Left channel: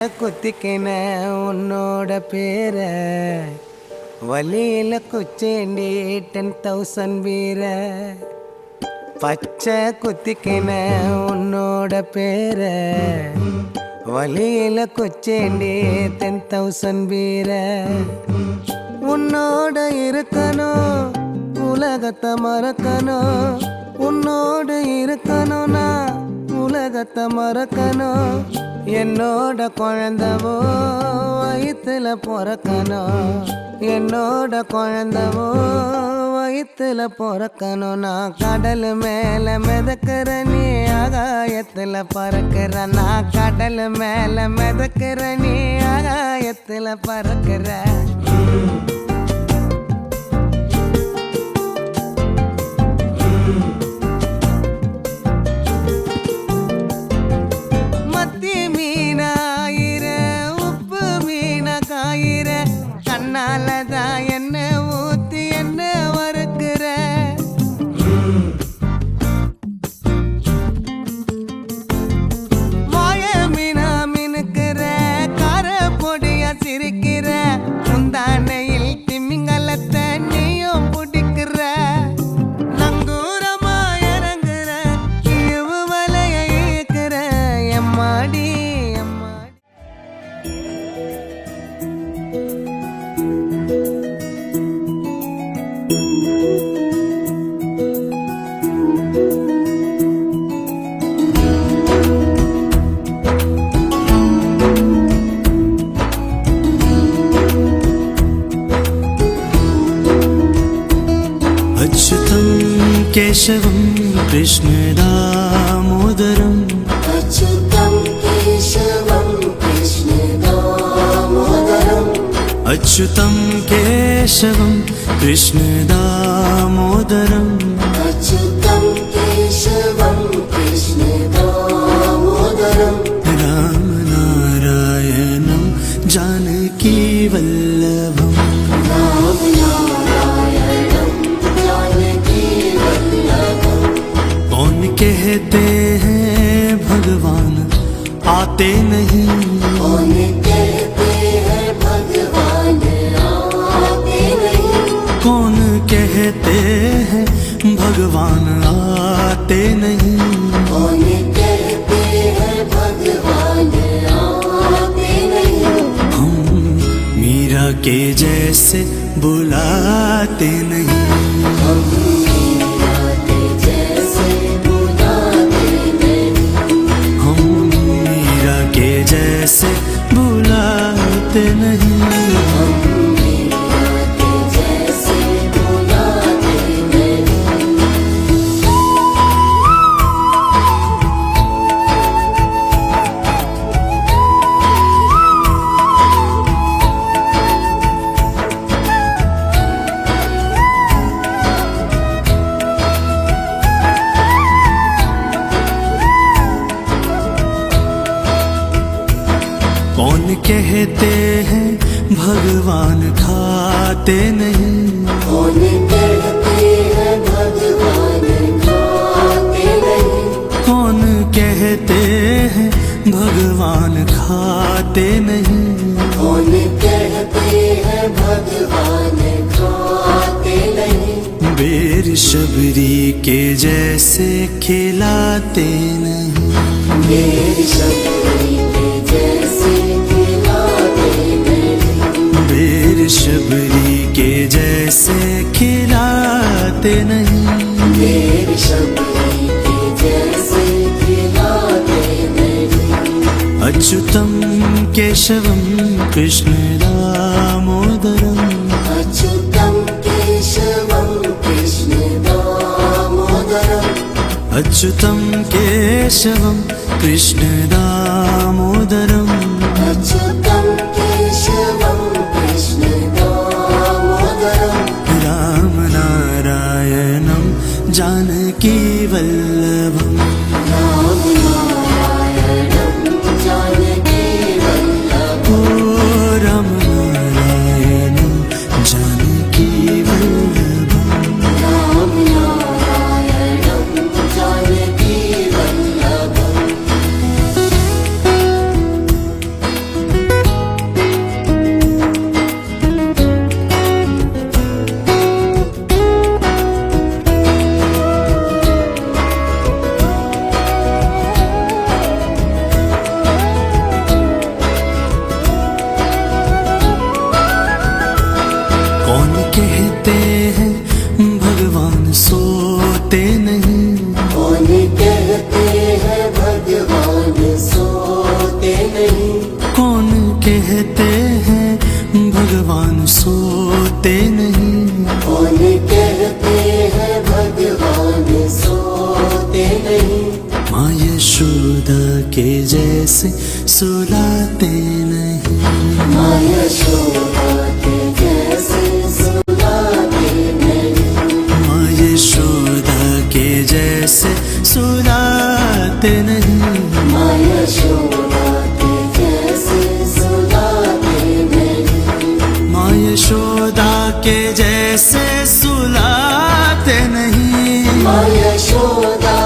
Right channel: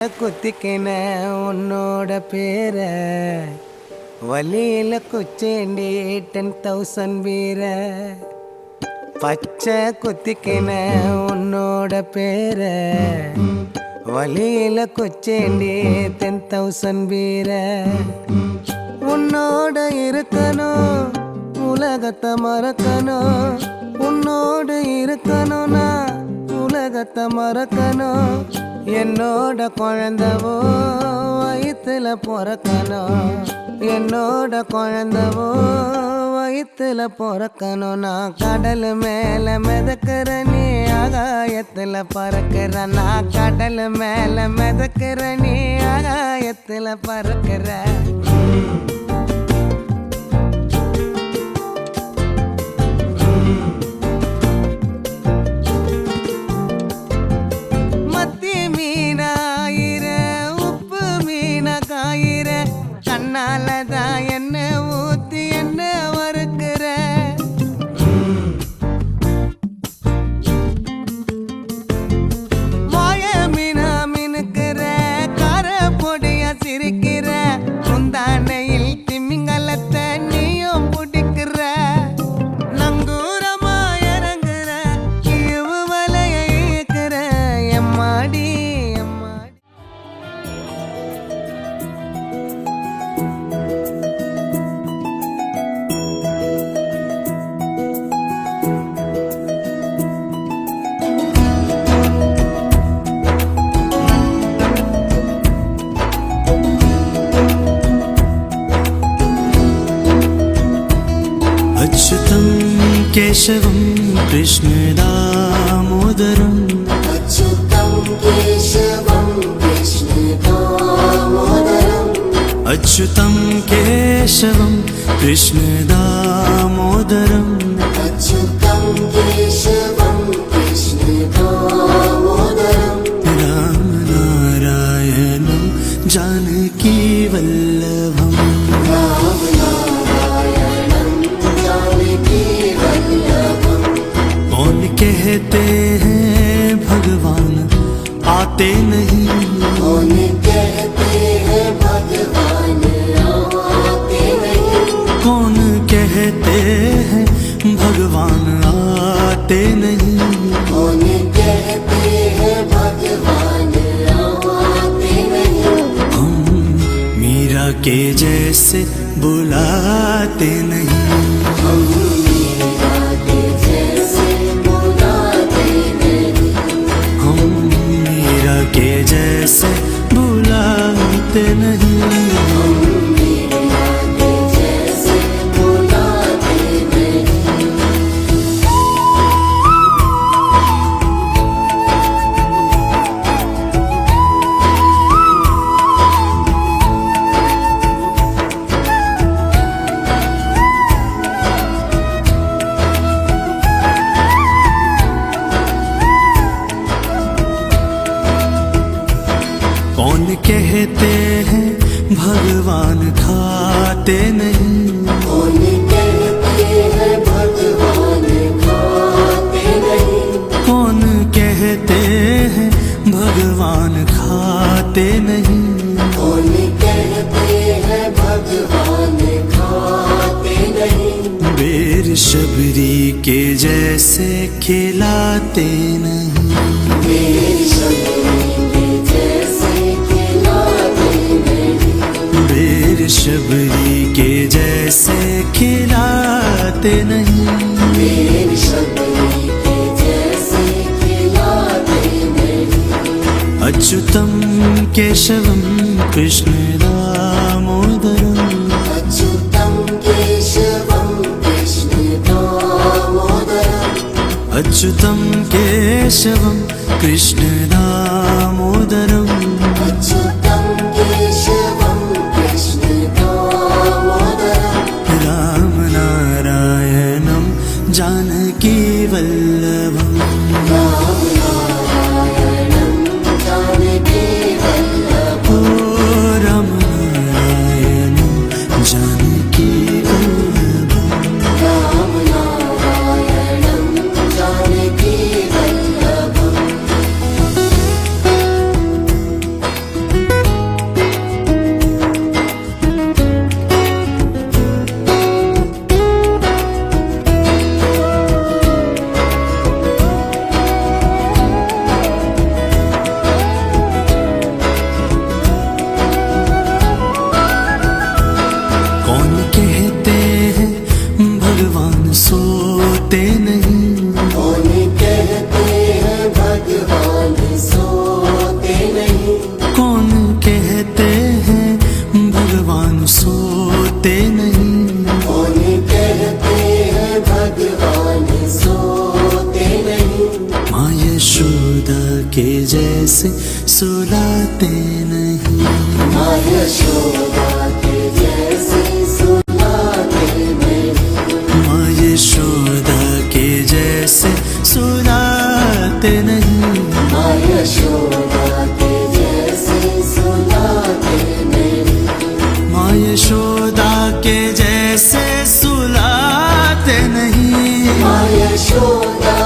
குத்திக்கின உன்னோட பேர வழியில குச்சேண்டி 10,000 வீர பச்சை குத்திக்கின உன்னோட பேர வழியில குச்சேண்டி 10,000 வீர உன்னோட இருக்கணும் உலகத்தை மறக்கணும் உன்னோடு இருக்கணும்னா உலகத்தை மறக்கணும் என்னோட குழந்தவோ வயிற்றுல பிறக்கணும் என்னோட குழந்தவோ வயிற்றுல பிறக்கணும் நான் கடல் மேலே மிதக்கிற நீ ஆகாயத்தில் பறக்கிற நான் கடல் மேலே மிதக்கிற நீ ஆகாயத்தில் பறக்கிற கண்ணாலதான் என்ன ஊத்தி என்ன வறுக்கிற வாய மீனா மினுக்கிற கார பொடியா சிரிக்கிற முந்தானையில் திமிங்கலத்தை நீயும் பிடிக்கிற நங்கூரமா இறங்குற இவு வலைய இழுக்கிற எம்மாடி अच्युतं केशवं कृष्ण दामोदरम् अच्युतं केशवं कृष्ण दामोदरम् अच्युतं केशवं कृष्ण दामोदरम् अच्युतं केशवं कृष्ण दामोदरम् रामनारायणं जानकी वल्लभम् कौन कहते हैं भगवान आते नहीं कौन कहते हैं भगवान आते नहीं कौन कहते हैं भगवान आते नहीं कौन कहते हैं भगवान आते नहीं हम मीरा के जैसे बुलाते नहीं के जैसे बुलाते नहीं कौन कहते हैं भगवान खाते नहीं कौन कहते हैं भगवान खाते नहीं कौन कहते हैं भगवान खाते नहीं कौन कहते हैं भगवान खाते नहीं बेर शबरी के जैसे खिलाते नहीं बेर शबरी के जैसे खिलाते नहीं अच्युतं केशवं कृष्ण दामोदरम् अच्युतं केशवं कृष्ण दामोदरम् अच्युतं केशवं कृष्ण दामोदरम् अच्युतं केशवं कृष्ण दामोदरम् रामनारायणं जानकी वल्लभम् ओ रामनारायणं जानकी वल्लभम् जानकी वल्लभम् भगवान सोते नहीं। कौन कहते हैं भगवान सोते नहीं। माँ यशोदा के जैसे सुलाते नहीं। माँ यशोदा के जैसे सुलाते नहीं। माँ यशोदा के जैसे सुलाते नहीं। माँ यशोदा के जैसे सुलाते नहीं। माँ यशोदा के जैसे सुलाते नहीं। माँ यशोदा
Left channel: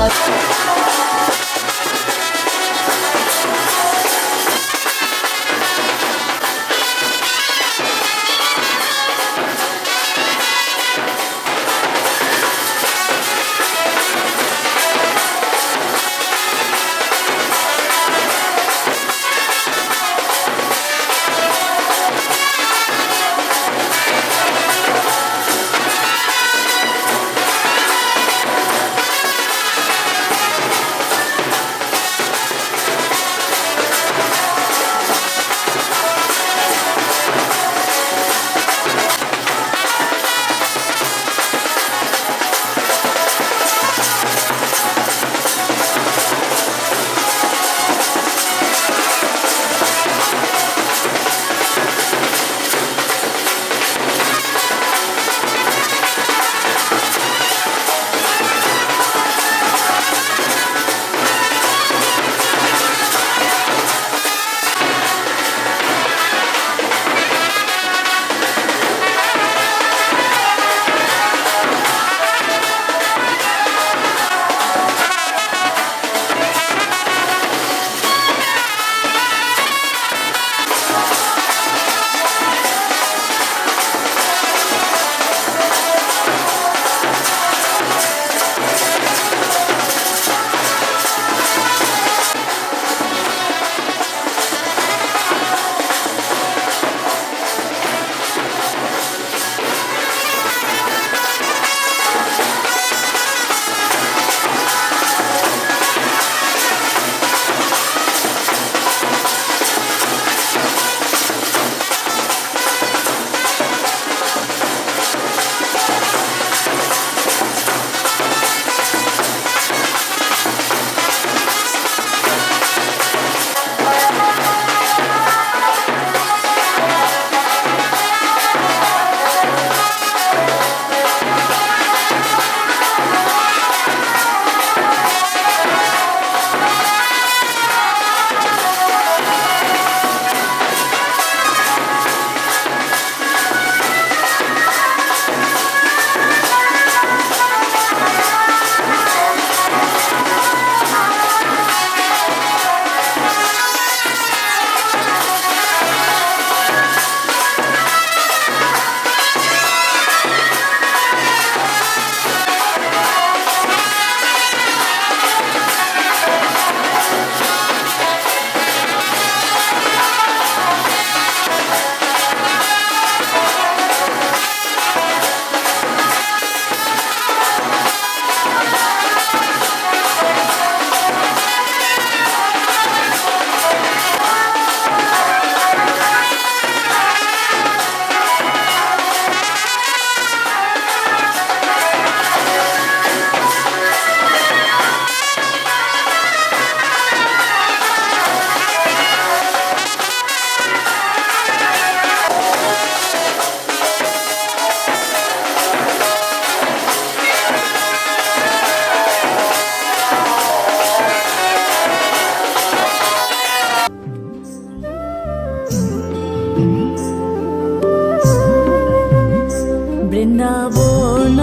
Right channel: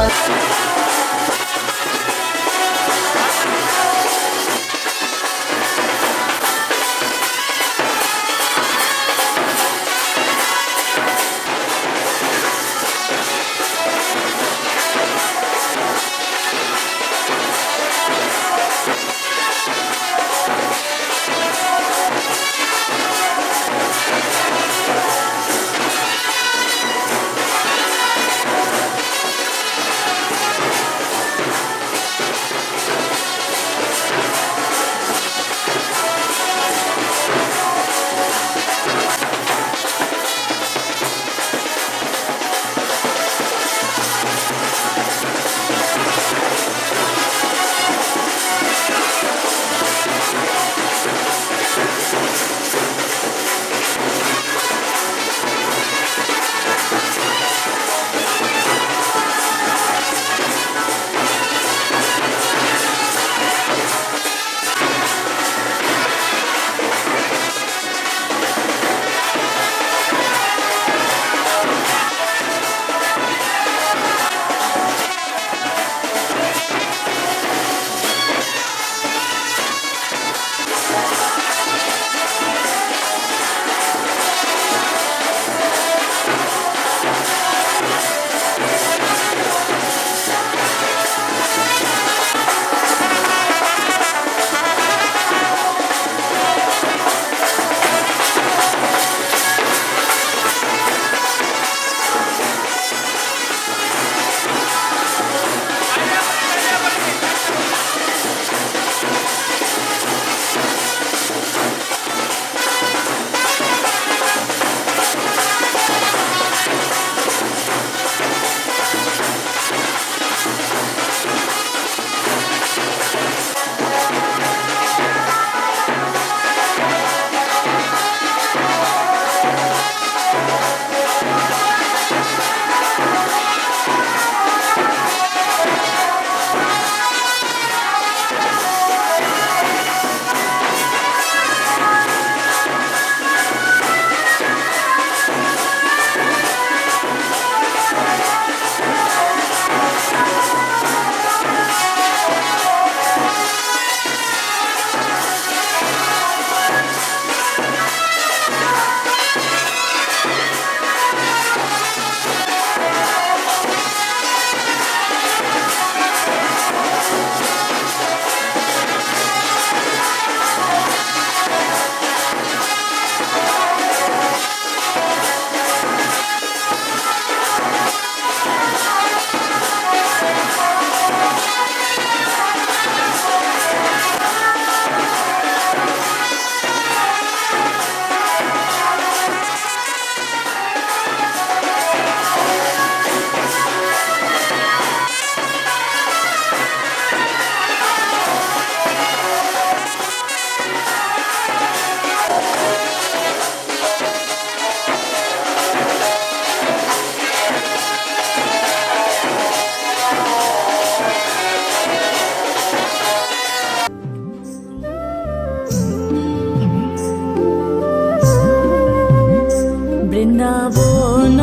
বৃন্দাবন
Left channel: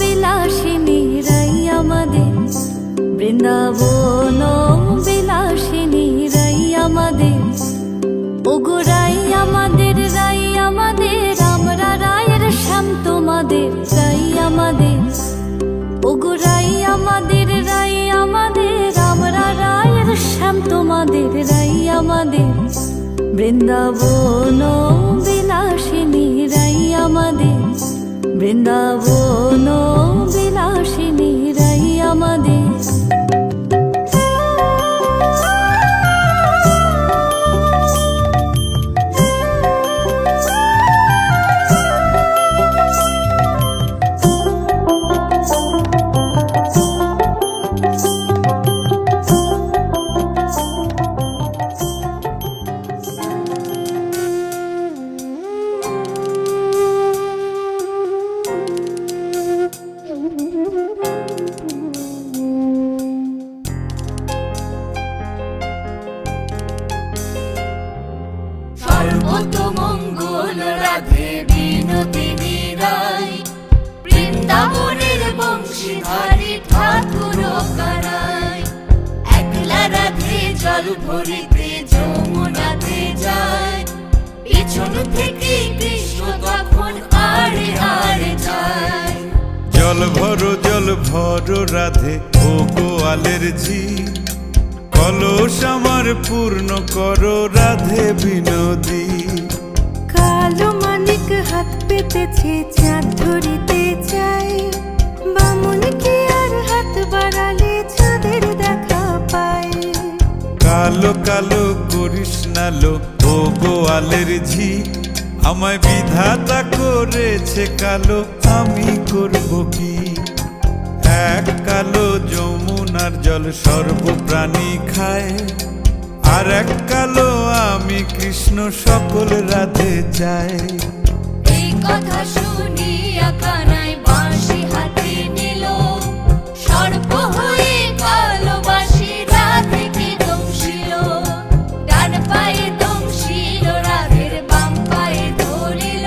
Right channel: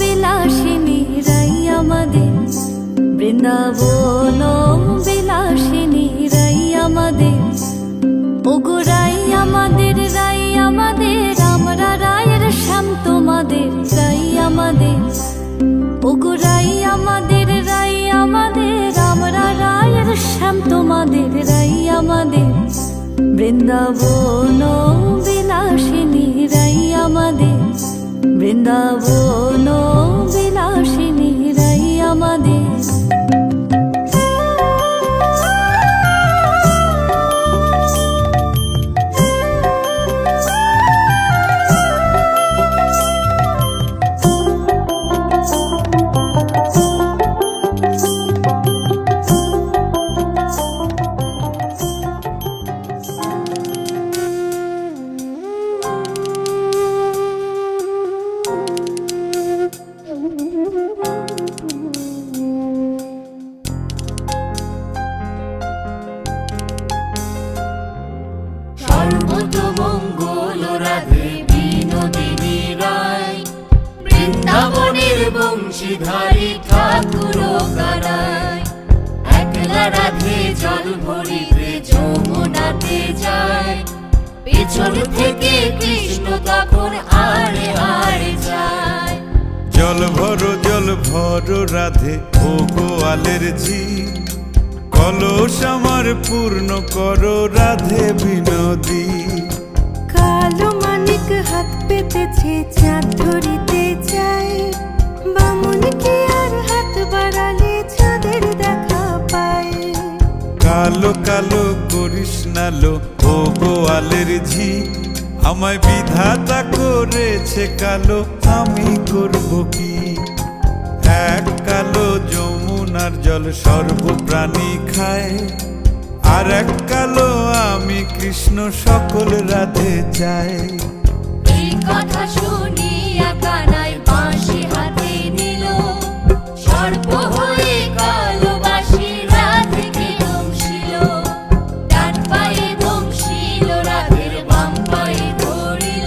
বিলাসিনী রাই আমাদের, বৃন্দাবন বিলাসিনী রাই আমাদের, ওগো রাই আমাদের, রাই আমাদের, আমরা রায়ের শ্যাম তোমাদের, রাই আমাদের, ওগো রাই আমাদের, রাই আমাদের, আমরা রায়ের শ্যাম তোমাদের, রাই আমাদের, বৃন্দাবন বিলাসিনী রাই আমাদের, বৃন্দাবন বিলাসিনী রাই আমাদের। কত মঙ্গল রাধে বিনোদিনী রায়, বৃন্দাবনের বংশীধারী ঠাকুর কারায়। একলা রাধে জল ভরিতে যমুনাতে যায়, পিছন থেকে কৃষ্ণ তখন হাড়ে হাড়ে যায়। জল ভরো রাধে ও গোয়ালের ঝি, কলস আমার পূর্ণ করো রাধে বিনোদী। কালো মানিক হাত পেতেছে চাঁদ ধরিতে চায়, বামুন কি আর হাত বাড়ালে চাঁদের দেখা পায়। কালো কালো করিস নালো ও গোয়ালের ঝি, আমায় বিধাতা করেছে কালো, আমি করব কি? এক কালো যমুনার জল সর্বপ্রাণী খায়, আর এক কালো আমি কৃষ্ণ সকল রাধে চাই। এই কথা শুনিয়া কানাই বাঁশি হাতে নিল, সর্প হয়ে কালো বাঁশি রাধেকে দংশিল। ডান পায়ে দংশিল রাধের বাম পায়ে ধরিল,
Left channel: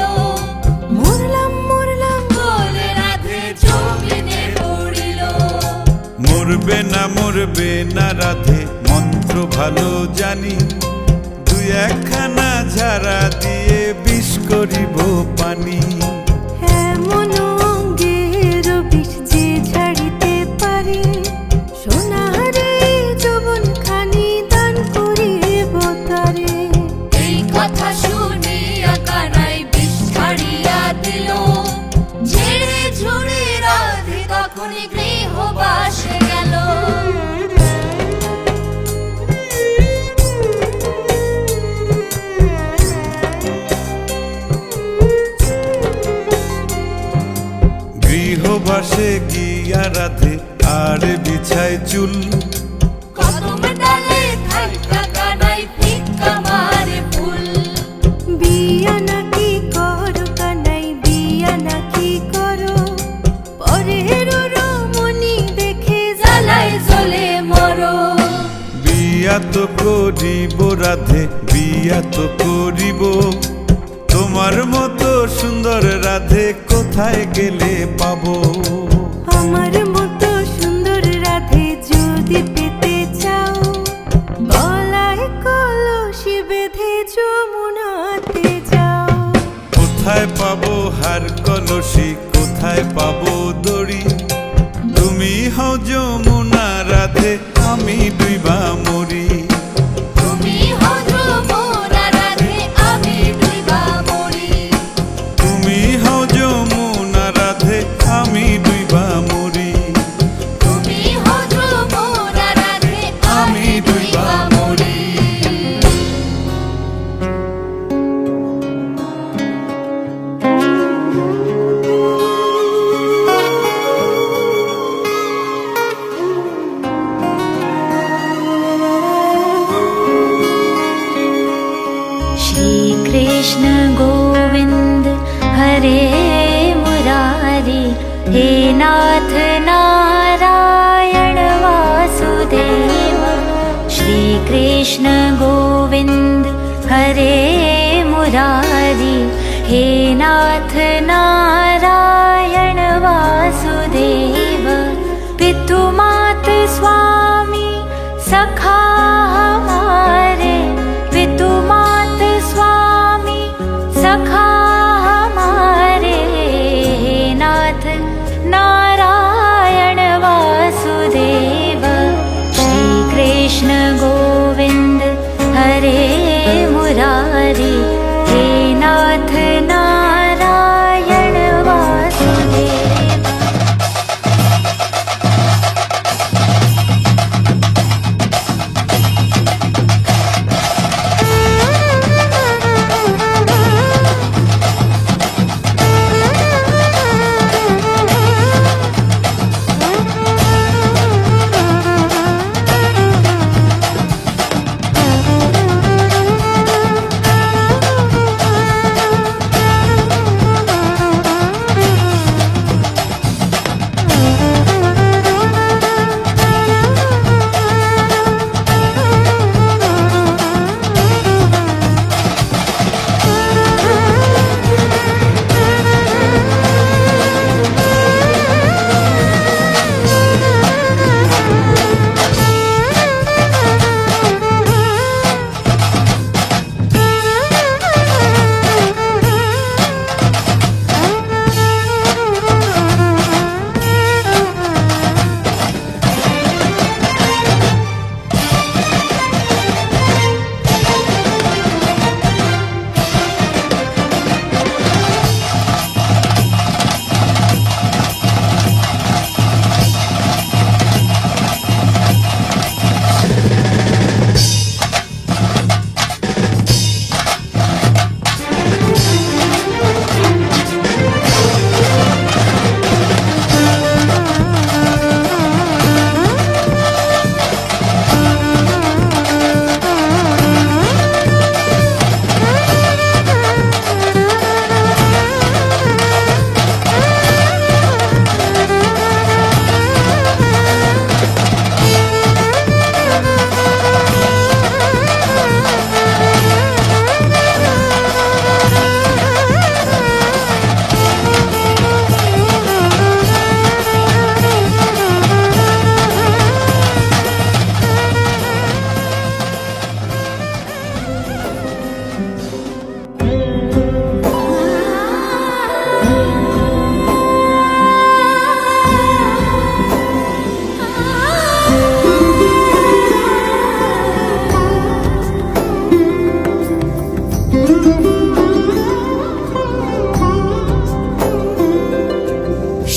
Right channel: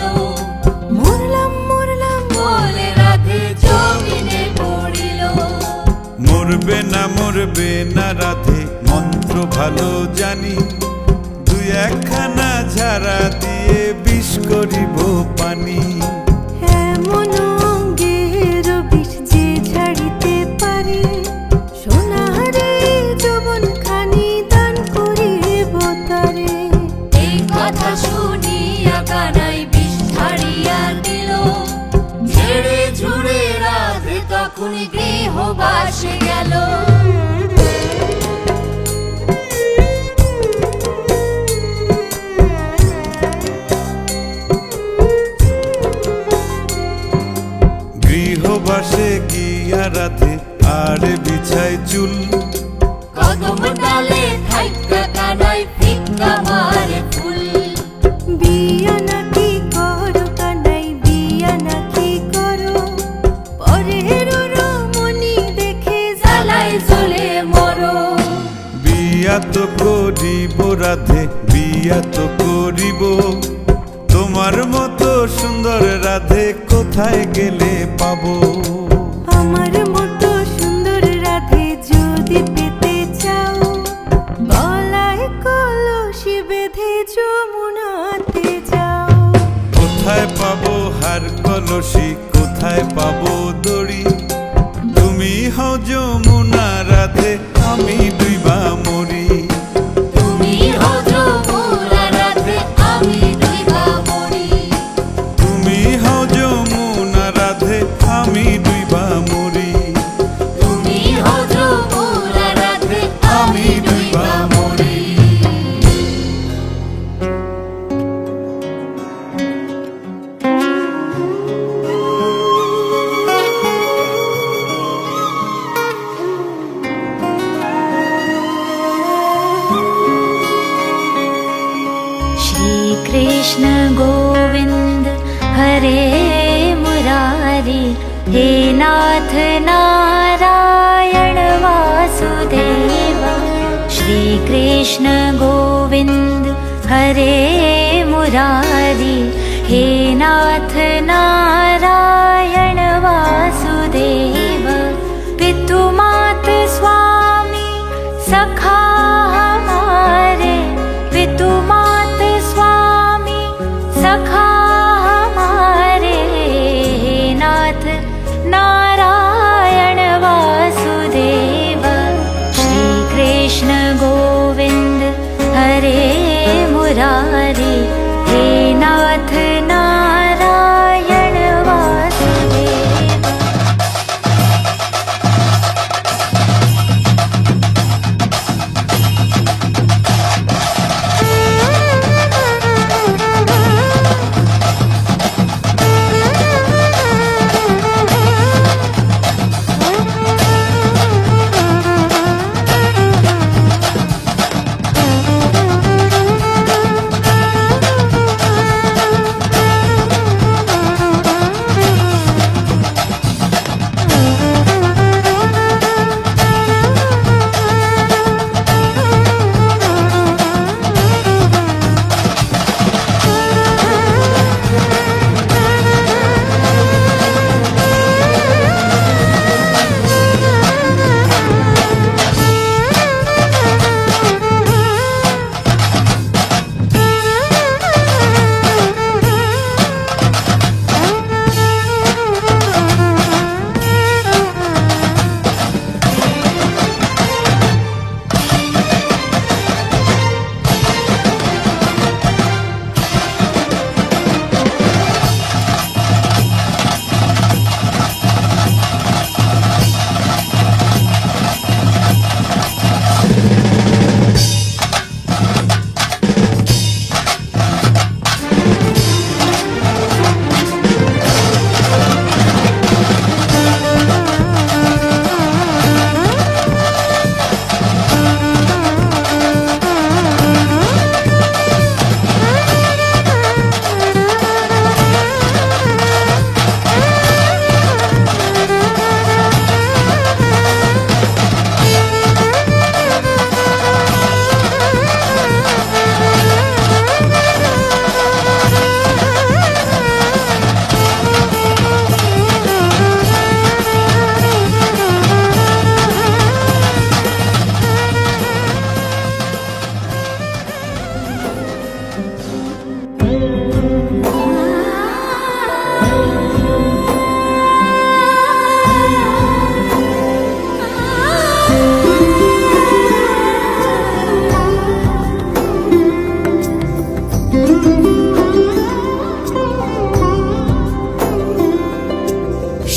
মরলাম মরলাম বলে রাধে জমিনে পড়িল। মরবে না রাধে মন্ত্র ভালো জানি, দুই একখানা ঝাড়া দিয়ে বিষ করিব পানি। এমন অঙ্গের বিষ যে ঝাড়িতে পারে, সোনারে যৌবন খানি দান করিব তারে। এই কথা শুনিয়া কানাই বিষ ছাড়িয়া দিল, ঝেড়ে ঝুড়ে রাধে তখনই গৃহবাসে গেল। গৃহবাসে গিয়া রাধে আর বিছায় চুল, কদম ডালে থাইকা কানাই ফিক্কা মারে ফুল। বিয়া নাকি করো কানাই বিয়া নাকি করো, পরের রমণী দেখে জ্বালায় জ্বলে মরো। বিয়া তো করিব রাধে বিয়া তো করিব, তোমার মতো সুন্দর রাধে কোথায় গেলে পাবো? আমার মতো সুন্দর রাধে যদি পেতে চাও, গলায় কলসি বেঁধে যমুনাতে যাও। কোথায় পাবো হার কলসি, কোথায় পাবো দড়ি? তুমি হও যমুনা রাধে, আমি ডুইবা মরি। তুমি হও যমুনা রাধে, আমি ডুইবা মরি। তুমি হও যমুনা রাধে, আমি ডুইবা মরি। তুমি হও যমুনা রাধে, আমি ডুইবা মরি। श्री कृष्ण गोविंद हरे मुरारी, हे नाथ नारायण वासुदेव। श्री कृष्ण गोविंद हरे मुरारी, हे नाथ नारायण वासुदेव। पितु मात स्वामी सखा हमारे, पितु मात स्वामी सखा हमारे। हे नाथ नारायण वासुदेव। श्री कृष्ण गोविंद हरे मुरारी, हे नाथ नारायण वासुदेव।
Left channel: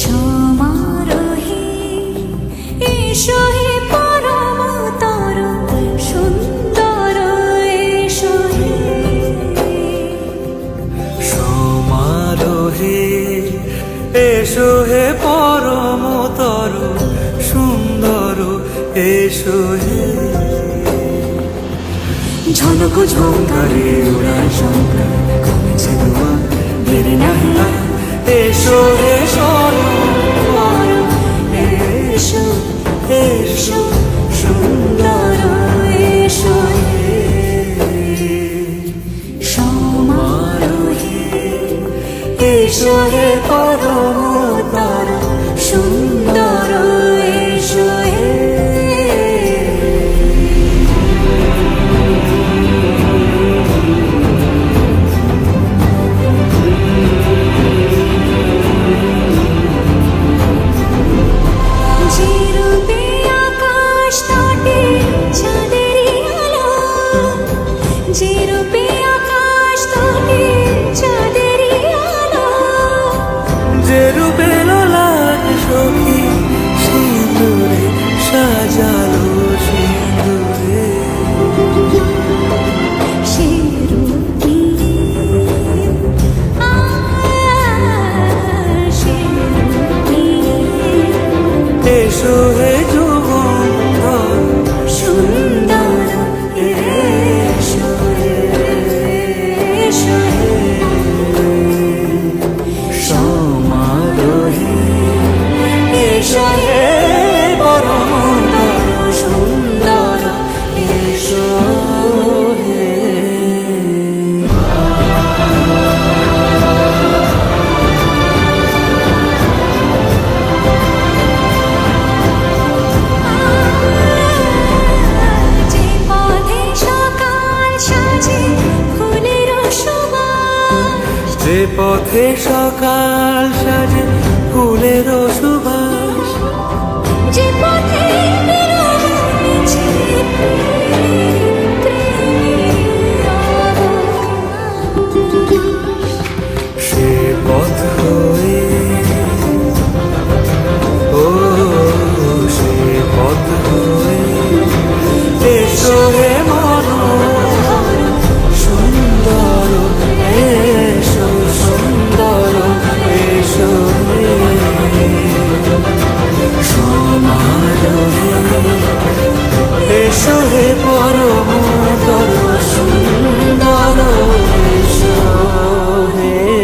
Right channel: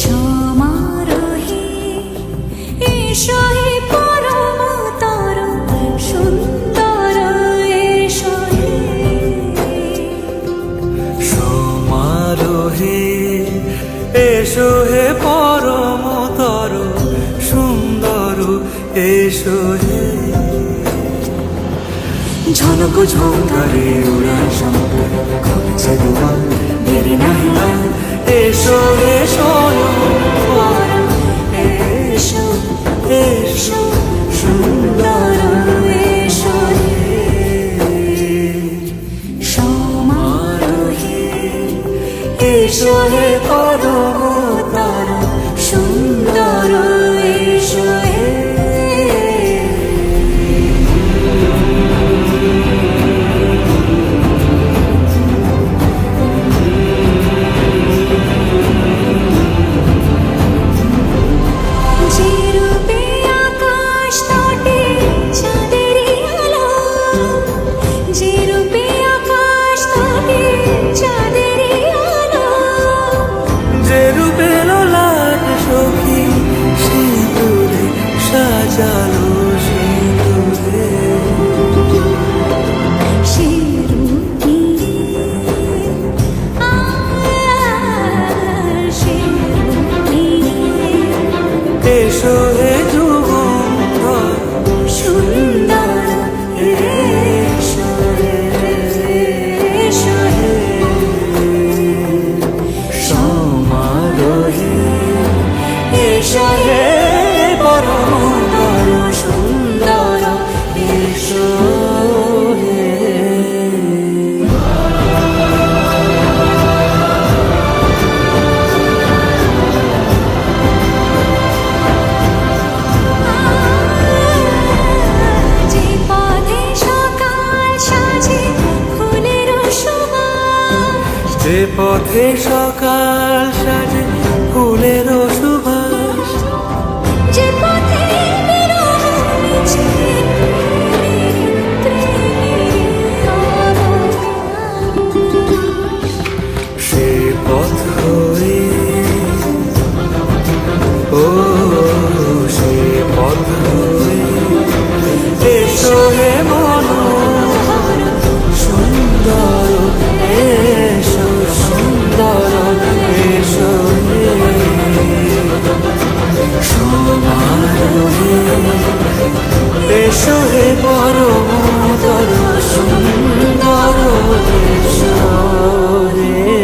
সমারোহে এসো হে পরমতর সুন্দর এসো হে সমারোহে এসো হে পরমতর সুন্দর এসো হে ঝনক ঝঙ্কারে উড়ান শঙ্কর কমেছে দুয়ার দেরি নাহি আর এসো হে স্বয়ংবর এসো এসো সুন্দর এসো হে সমারোহে এসো হে পরমতর সুন্দর এসো হে যে রূপে আকাশ তটে চাঁদেরই আলো যে রূপে আকাশ তটে চাঁদেরই আলো যে রূপে ললাট সখী সিঁদুরে সাজালো সিঁদুরে সে রূপ নিয়ে সে রূপ নিয়ে এসো হে যুগন্ধর সুন্দর এসো এসো হে সমারোহে এসো হে পরমতর সুন্দর এসো হে যে পথে সকাল সাজে ফুলের সুবাস যে পথে সকাল সাজে ফুলের সুবাস যে পথে বিরহ মিছে প্রেমেরই অবকাশ সে পথ হয়ে ও সে পথ হয়ে এসো হে মনোহর সুন্দর এসো সুন্দর এসো হে সমারোহে এসো হে পরমতর সুন্দর এসো হে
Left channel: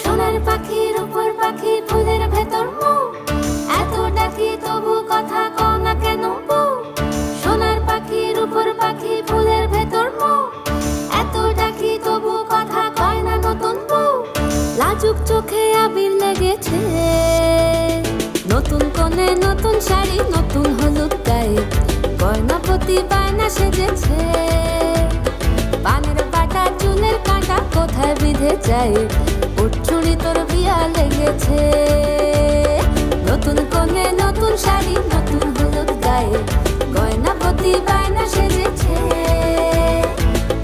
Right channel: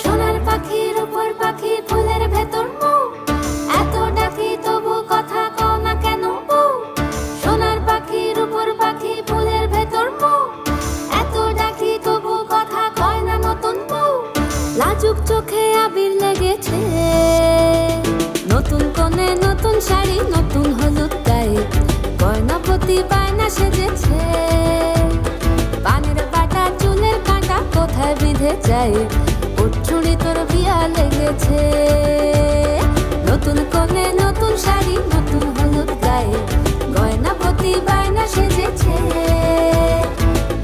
সোনার পাখির উপর পাখি ফুলের ভেতর মৌ, এত ডাকি তবু কথা কও না কেন বউ? সোনার পাখির উপর পাখি ফুলের ভেতর মৌ, এত ডাকি তবু কথা কয় না নতুন বউ। লাজুক চোখে আবির লেগেছে, নতুন কোণে নতুন শাড়ি নতুন হলুদ গায়ে, গয়নাপতি বায়না সেজেছে। পানের বাটা চুলের কাঁটা কোথায় বিঁধে যায়, ওর চুড়ি তোর বিয়া লেগেছে। নতুন কোণে নতুন শাড়ি নতুন হলুদ গায়ে, গয়নাপতি বায়না সেজেছে।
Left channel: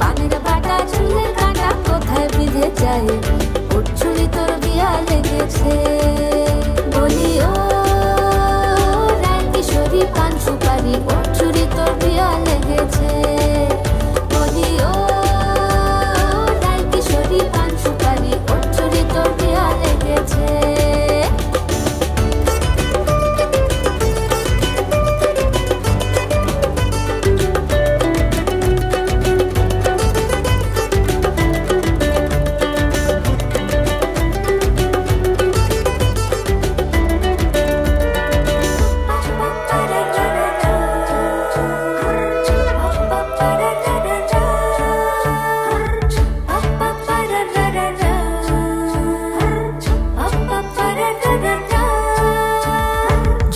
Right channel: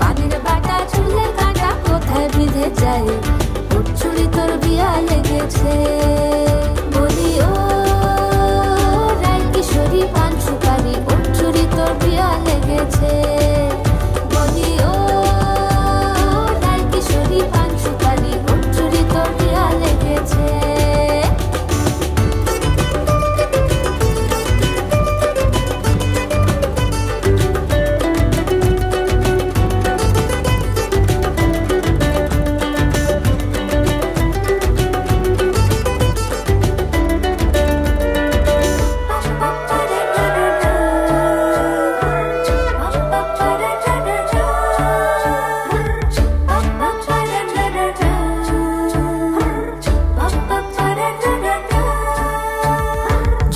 পানের বাটা চুলের কাঁটা কোথায় বিঁধে যায়, ওর চুড়ি তোর বিয়া লেগেছে। বলি ও রায় কিশোরী পান সুপারি, ওর চুড়ি তোর বিয়া লেগেছে। বলি ও রায় কিশোরী পান সুপারি, ওর চুড়ি তোর বিয়া লেগেছে।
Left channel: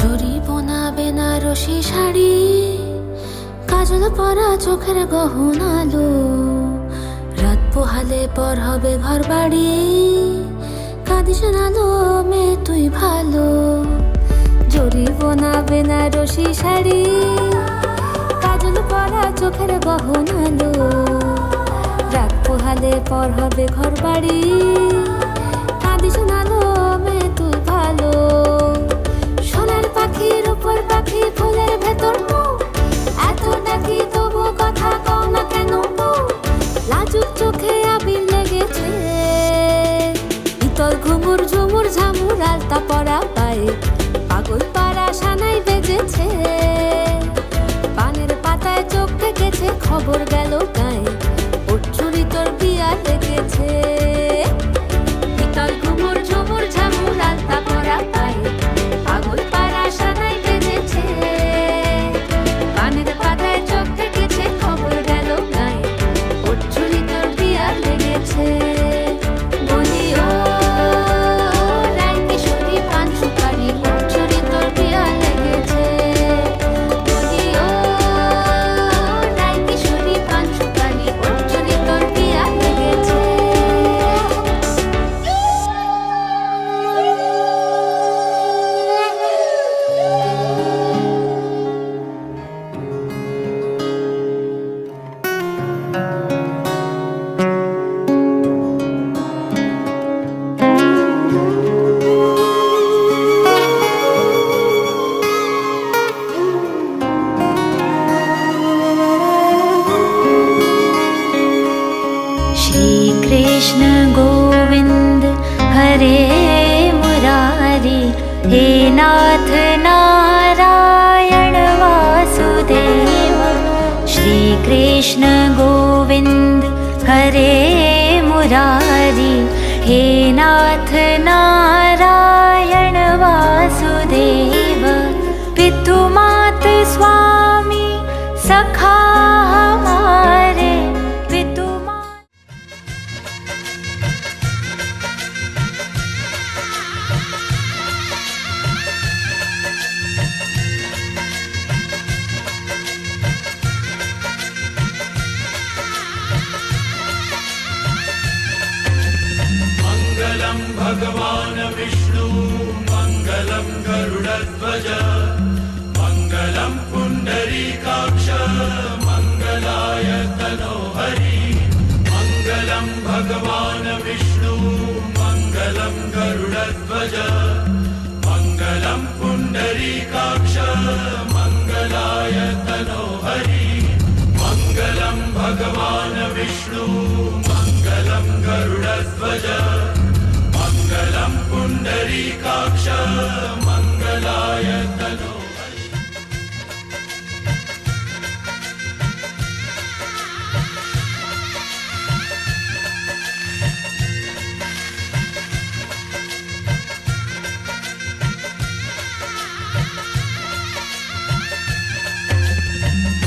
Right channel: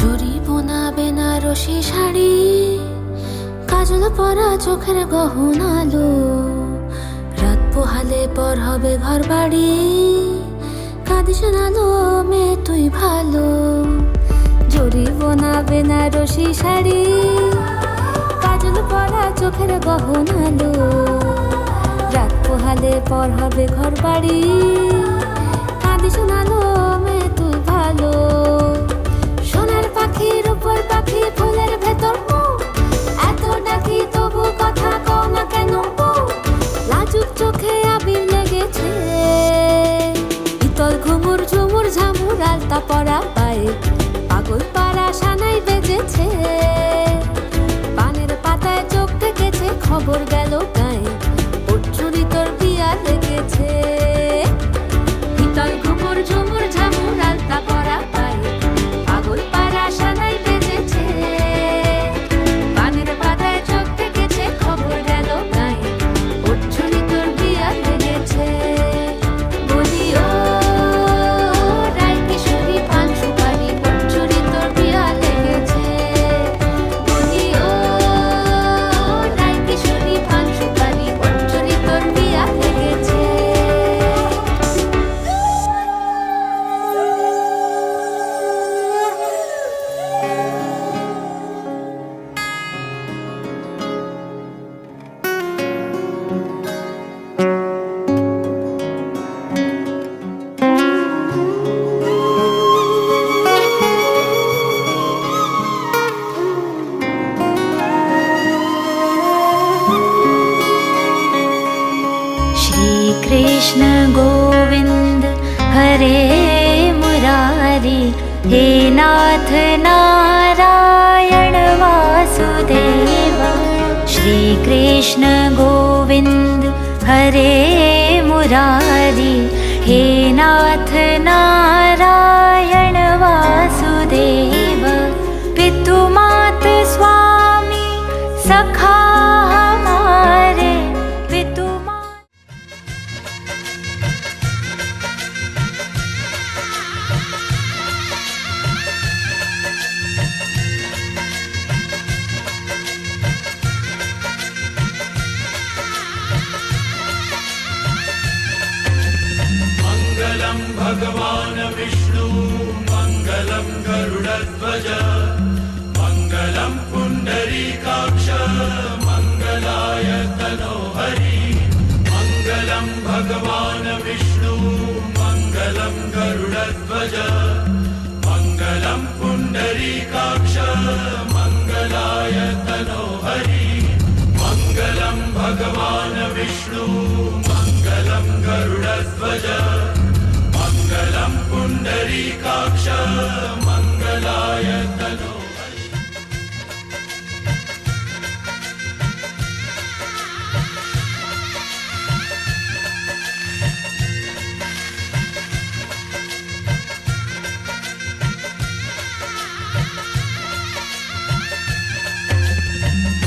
জরি বোনা বেনারসি শাড়ি, কাজল পরা চোখের গহনালো, রাত পোহালে পর হবে ঘর বাড়ি, কাঁদিস নালো মেয়ে তুই ভালো। জরি বোনা বেনারসি শাড়ি, কাজল পরা চোখের গহনালো, রাত পোহালে পর হবে ঘর বাড়ি, কাঁদিস নালো মেয়ে তুই ভালো। সোনার পাখির উপর পাখি ফুলের ভেতর মৌ, এত ডাকি তবু কথা কও না কেন বউ? লাজুক চোখে আবির লেগেছে, ইতল ঘুমুর ঝুমুর ঝামুর আলতা পরা পায়ে, পাগল পাড়া সানাই বেজেছে। পানের পাতায় চোখ থেকেছে, খবর গেল গায়ে, ওর চুরি তোর বিয়া লেগেছে। ইতল ঘুমুর ঝুমুর ঝামুর আলতা পরা পায়ে, পাগল পাড়া সানাই বেজেছে। পানের পাতায় চোখ থেকেছে, খবর গেল গায়ে, ওর চুরি তোর বিয়া লেগেছে। বলি ও রায় কিশোরী পান সুপারি, ওর চুরি তোর বিয়া লেগেছে। বলি ও রায় কিশোরী পান সুপারি, ওর চুরি তোর বিয়া লেগেছে। श्री कृष्ण गोविंद हरे मुरारी, हे नाथ नारायण वासुदेव। श्री कृष्ण गोविंद हरे मुरारी, हे नाथ नारायण वासुदेव। पितु मात स्वामी मङ्गलं गरुडध्वज मङ्गलं पुण्डरीकाक्ष मङ्गलाय तनोहरि मङ्गलं भगवान् विष्णु मङ्गलं गरुडध्वज मङ्गलं पुण्डरीकाक्ष मङ्गलाय तनोहरि मङ्गलं भगवान् विष्णु मङ्गलं गरुडध्वज मङ्गलं पुण्डरीकाक्ष मङ्गलाय तनोहरि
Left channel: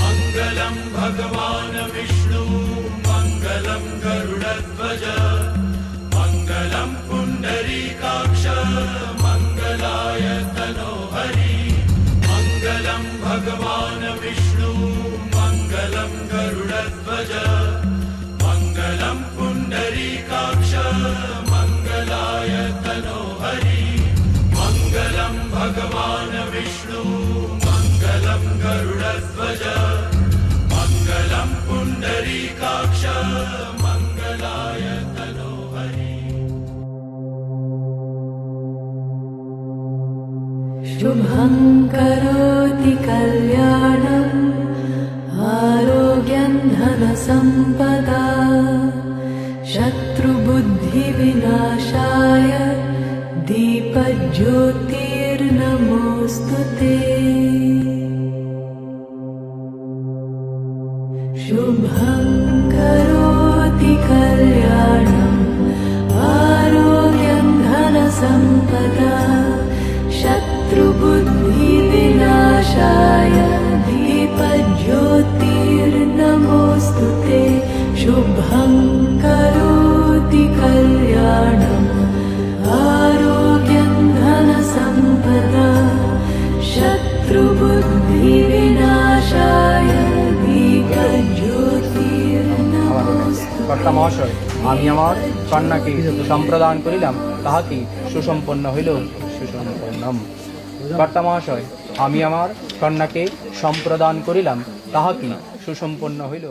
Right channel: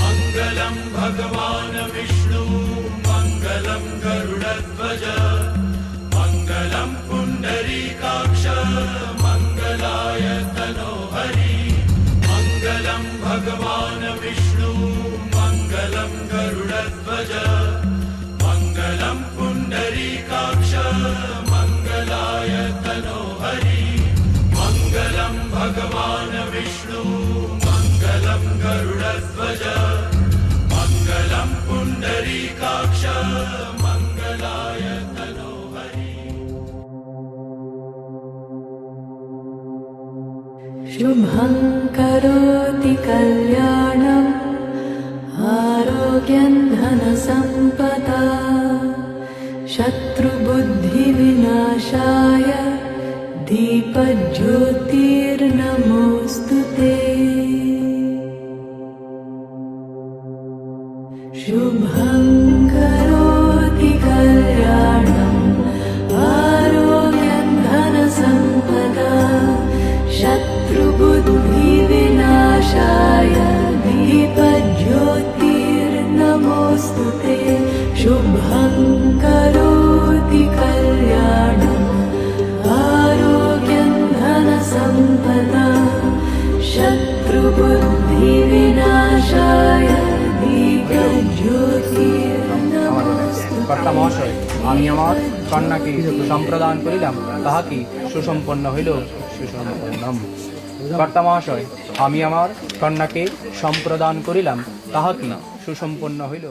मङ्गलं भगवान् विष्णु मङ्गलं गरुडध्वज मङ्गलं पुण्डरीकाक्ष मङ्गलाय तनोहरि मङ्गलं भगवान् विष्णु मङ्गलं गरुडध्वज मङ्गलं पुण्डरीकाक्ष मङ्गलाय तनोहरि मङ्गलं भगवान् विष्णु मङ्गलं गरुडध्वज मङ्गलं पुण्डरीकाक्ष मङ्गलाय तनोहरि शुभं करोति कल्याणम् आरोग्यं धनसम्पदा शत्रुबुद्धिविनाशाय दीपज्योतिर्नमोऽस्तु ते शुभं करोति कल्याणम् आरोग्यं धनसम्पदा शत्रुबुद्धिविनाशाय दीपज्योतिर्नमोऽस्तु ते शुभं करोति कल्याणम् आरोग्यं धनसम्पदा शत्रुबुद्धिविनाशाय दीपज्योतिर्नमोऽस्तु কর্তা মহাশয়, আমি আমার কন্যাকে সম্প্রদান করিলাম, তাহা কি সুসম্পন্ন হইল? সুসম্পন্নম। কর্তা মহাশয়, আমি আমার কন্যাকে সম্প্রদান করিলাম, তাহা কি সুসম্পন্ন হইল?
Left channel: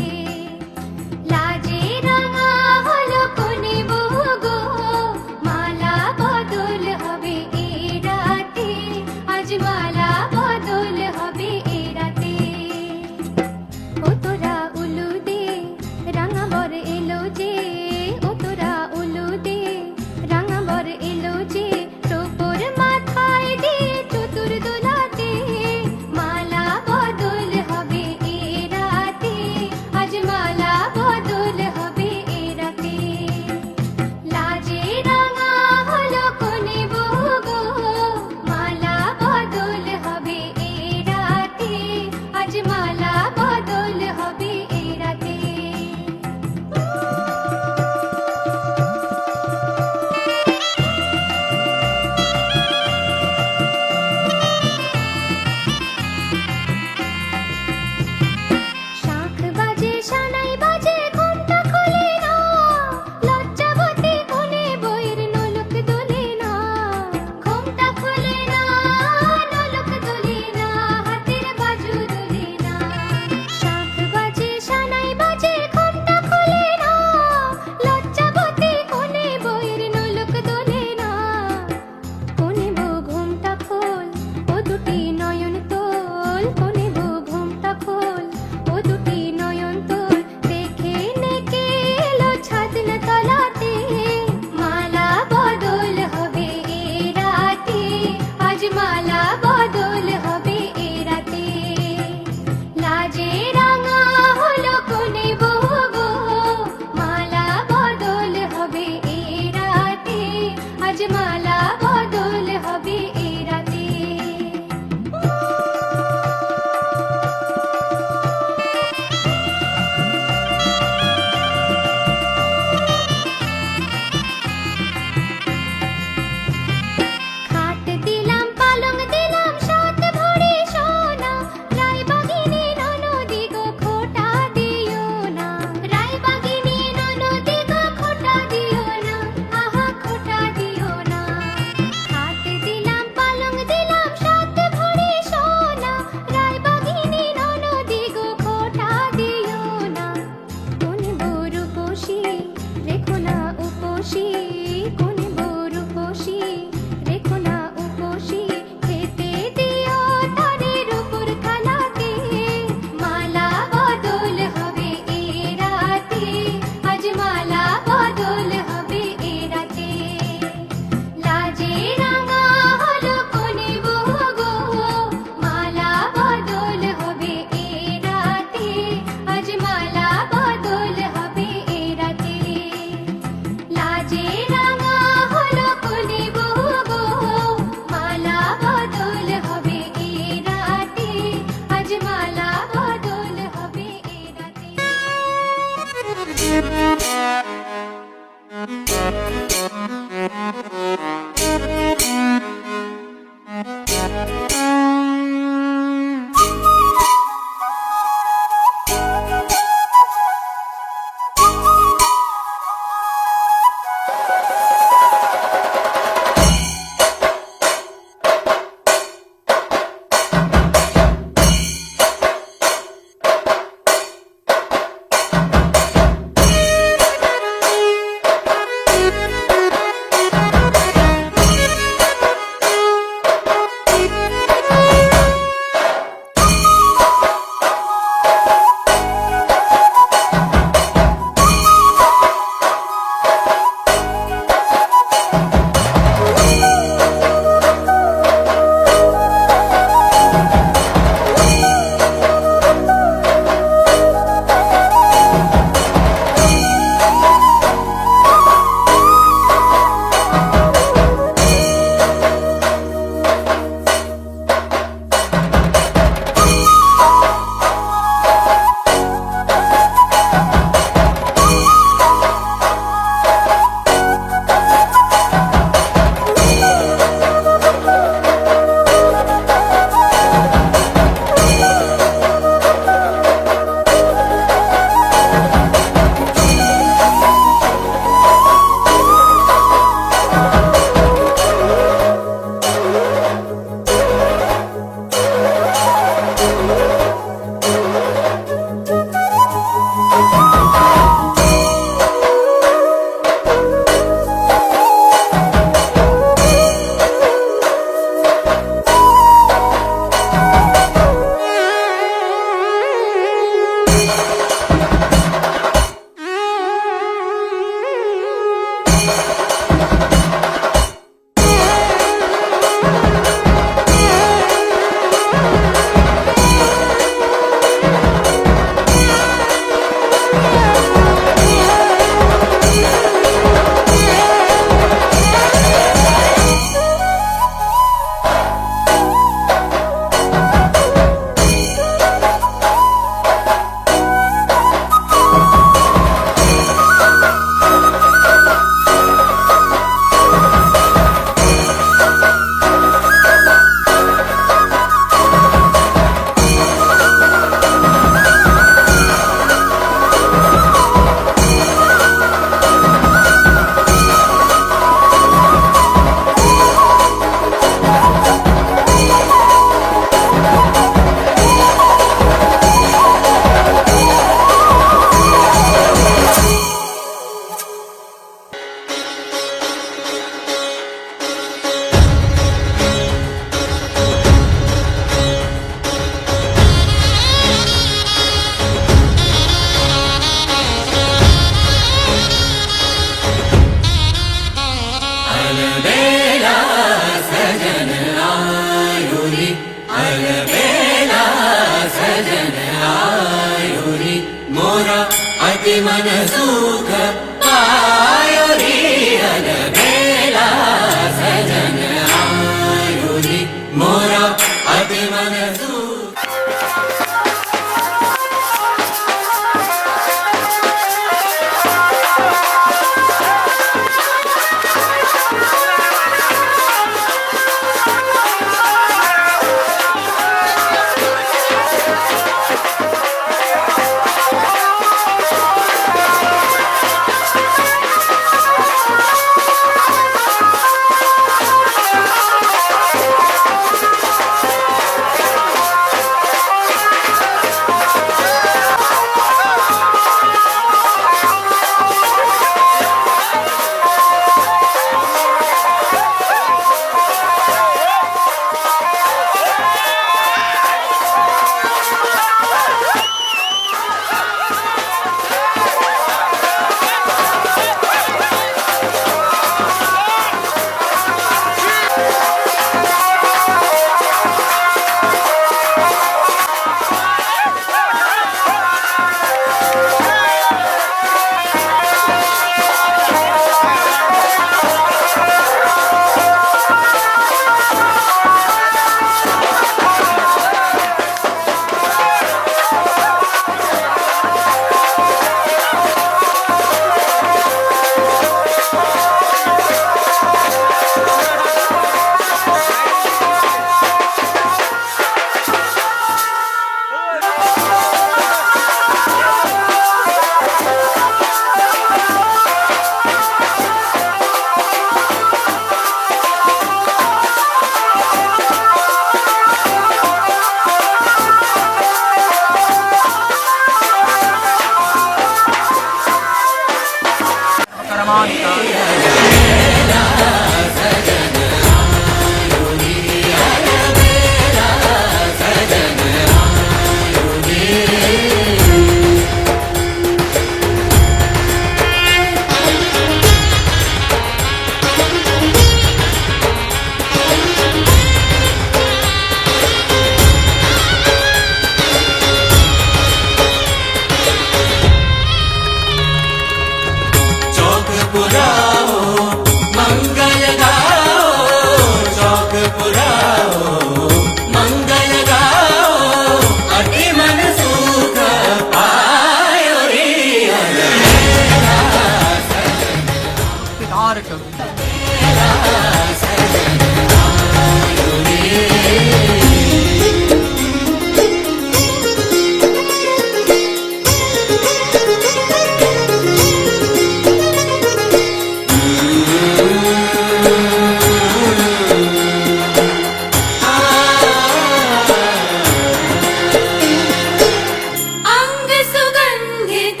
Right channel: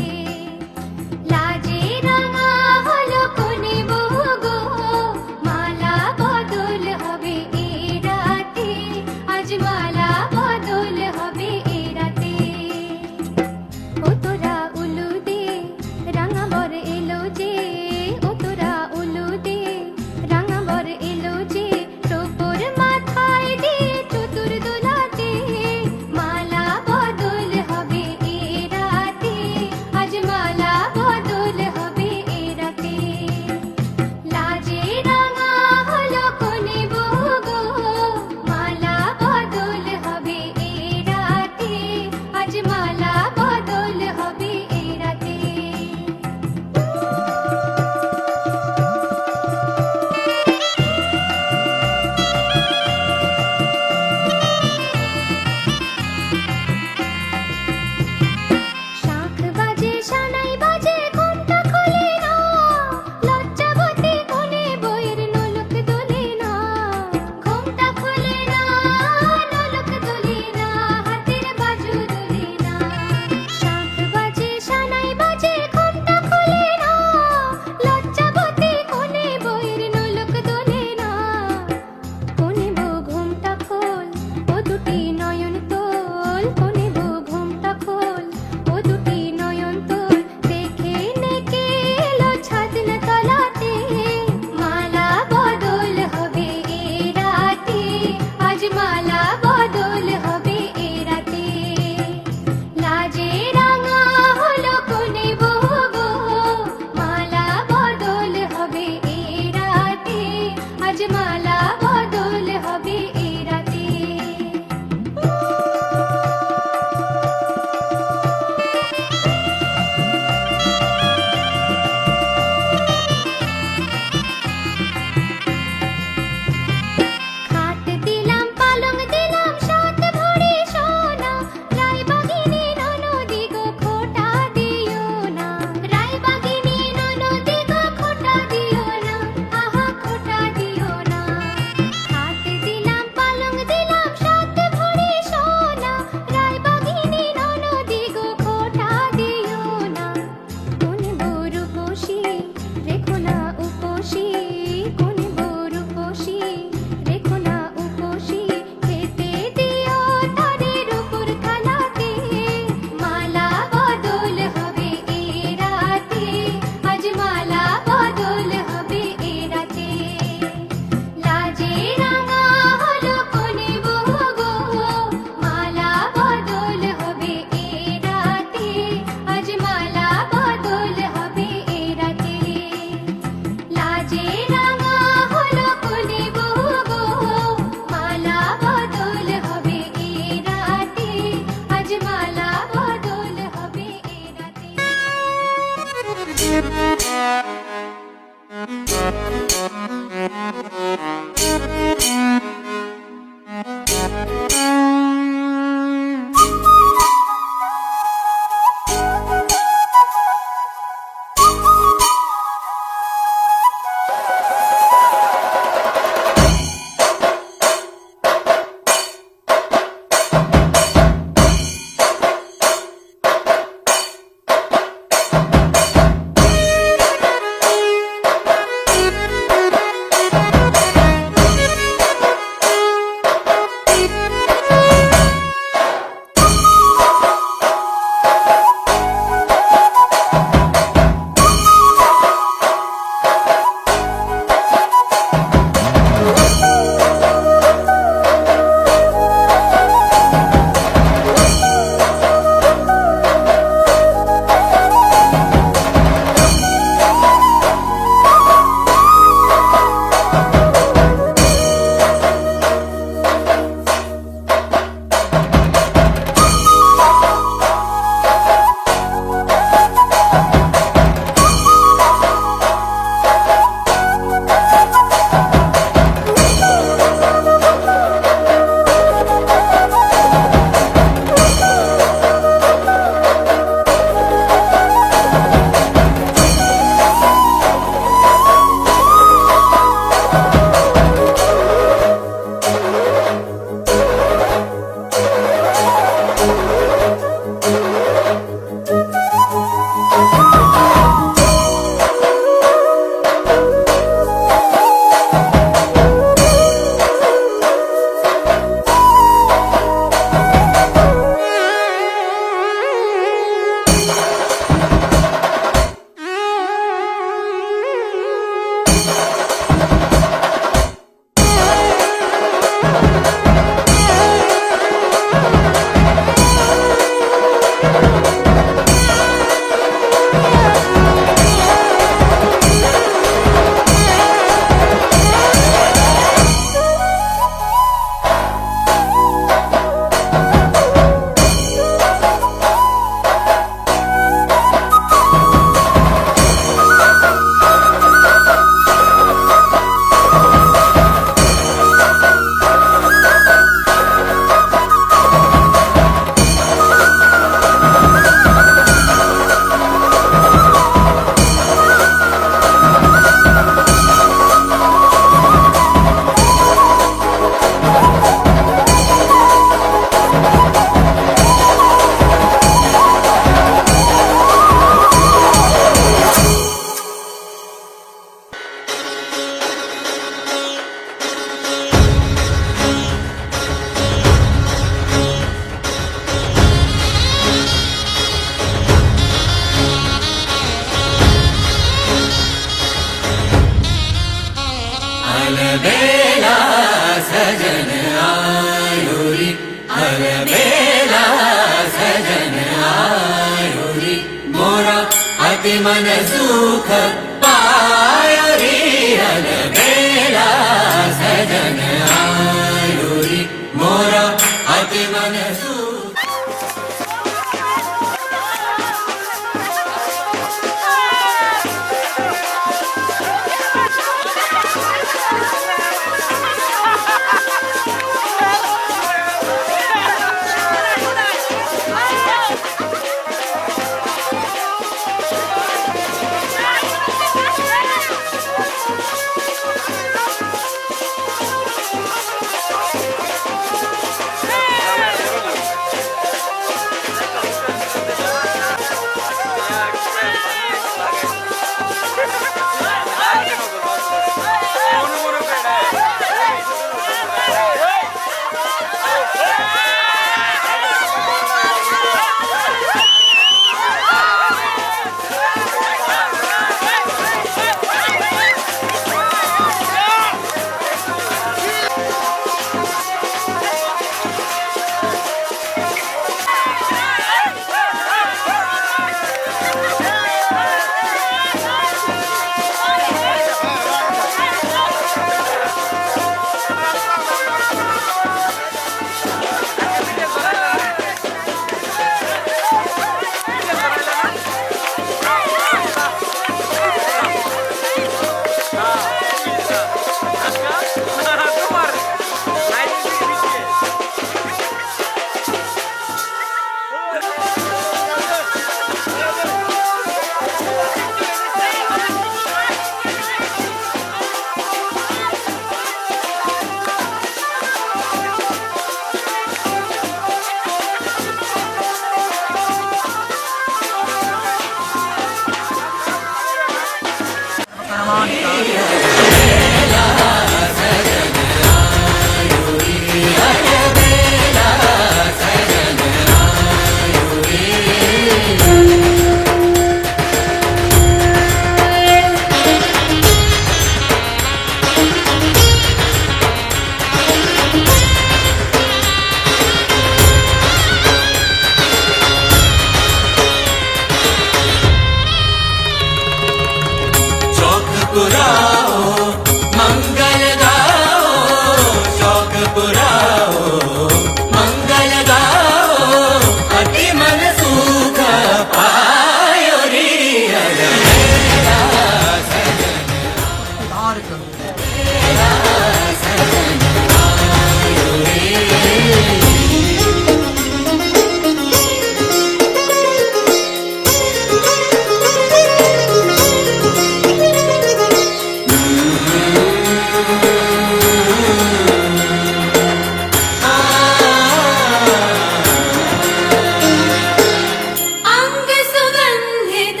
अंग सुगंधित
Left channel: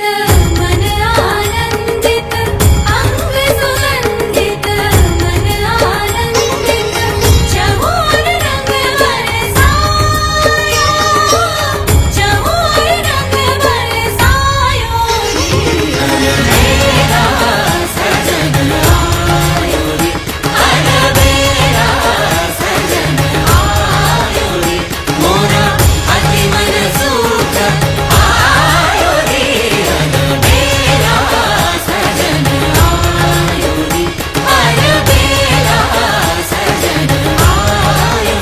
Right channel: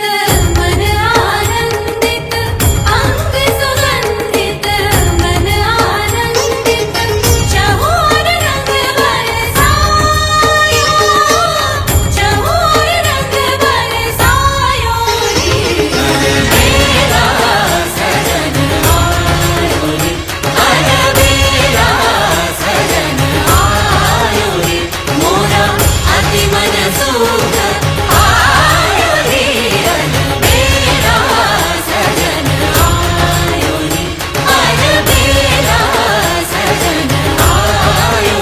मन आनंदित अंग सुगंधित मन आनंदित चमोर रंग बरसाया चमोर रंग बरसायो मेरा सजन आयो रे मेरा सजन आयो रे मोरा अति मन सुख आयो रे मेरा सजन आयो रे मेरा सजन आयो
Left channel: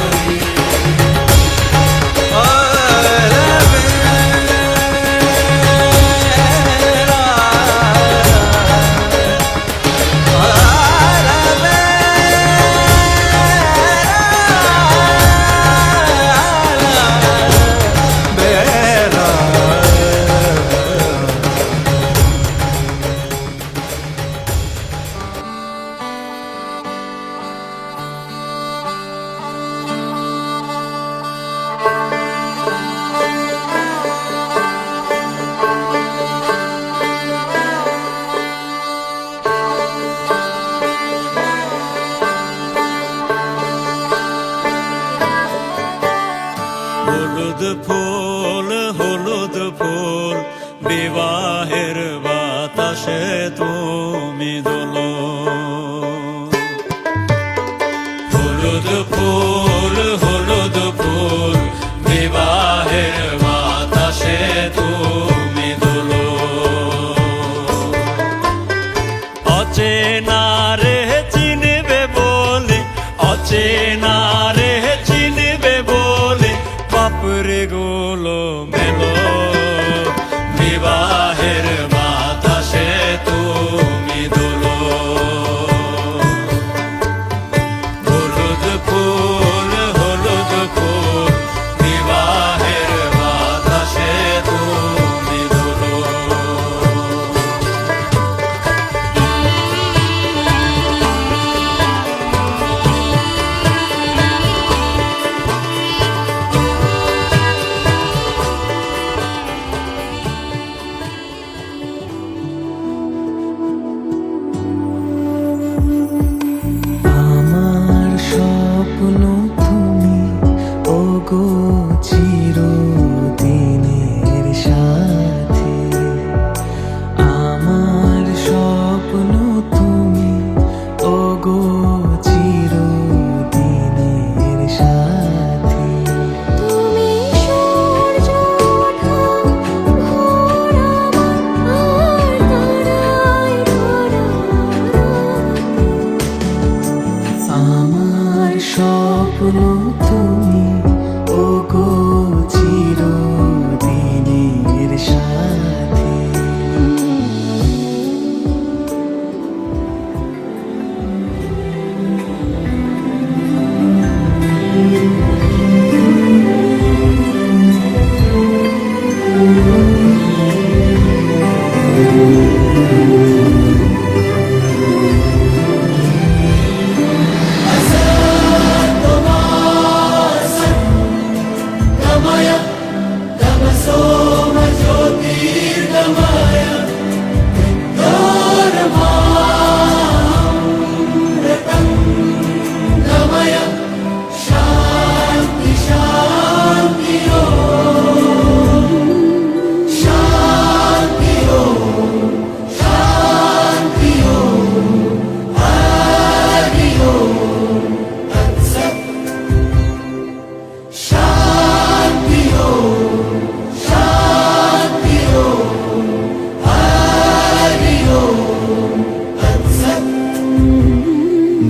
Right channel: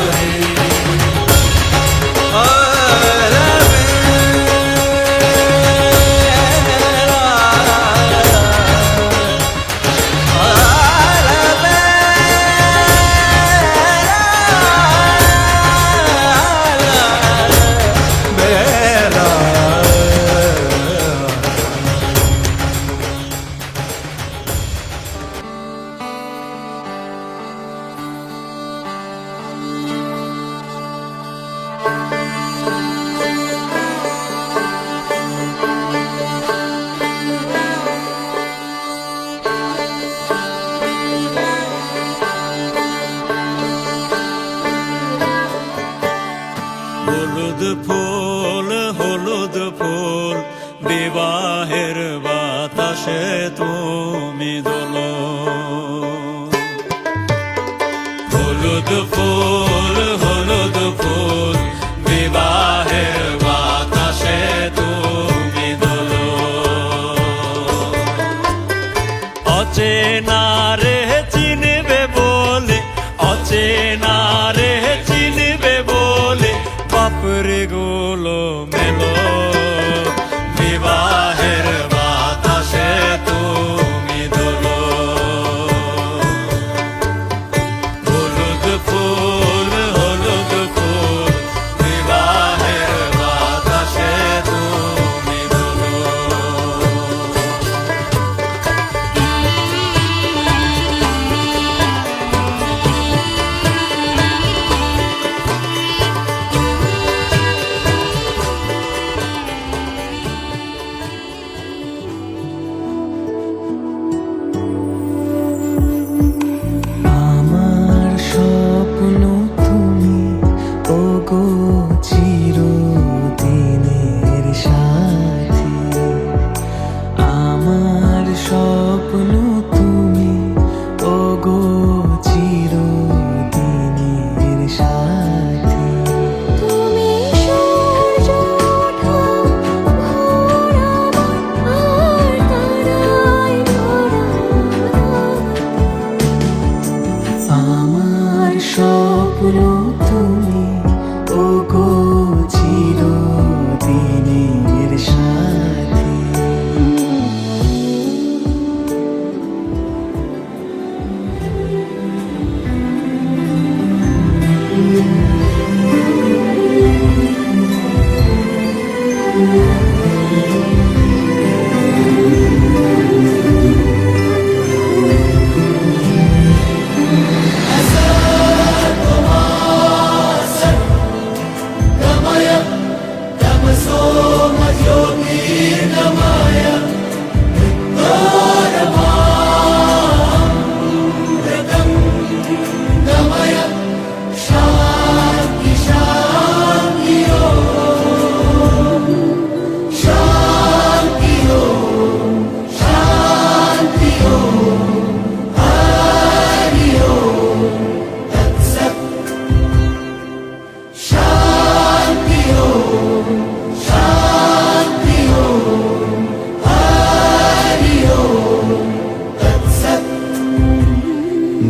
হলুদ ফুল বিবাহের বাতাসে তুমি দোলো হলুদ ফুল বিবাহের বাতাসে তুমি দোলো অচেনা রে চিনবে বলে অচেনা রে চিনবে বলে বাপরে গোলো মেলো বিবাহের বাতাসে তুমি দোলো হলুদ ফুল বিবাহের বাতাসে তুমি দোলো আমার স্বপ্ন তুমি ওগো চিরদিনের সাথী আমার স্বপ্ন তুমি ওগো চিরদিনের সাথী তুমি সূর্য ওঠা ভোর আমার আর তারায় ভরা রাতে। আমার স্বপ্ন তুমি ওগো চিরদিনের সাথী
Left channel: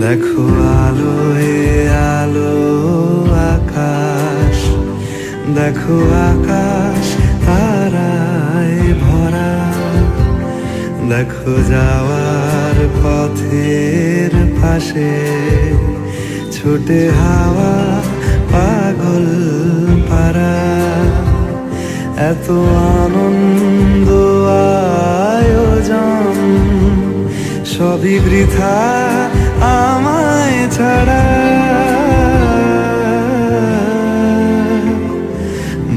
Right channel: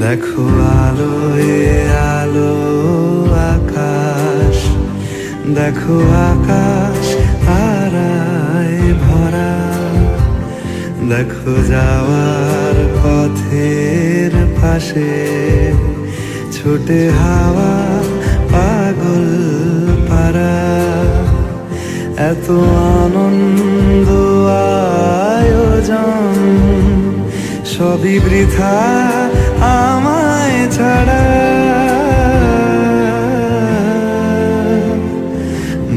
দেখো আলোয় আলো আকাশ, দেখো আকাশ তারায় ভরা, দেখো যাওয়ার পথের পাশে ছোটে হাওয়া পাগল পারা। এত আনন্দ আয়োজন সবই বৃথা আমায় ছাড়া।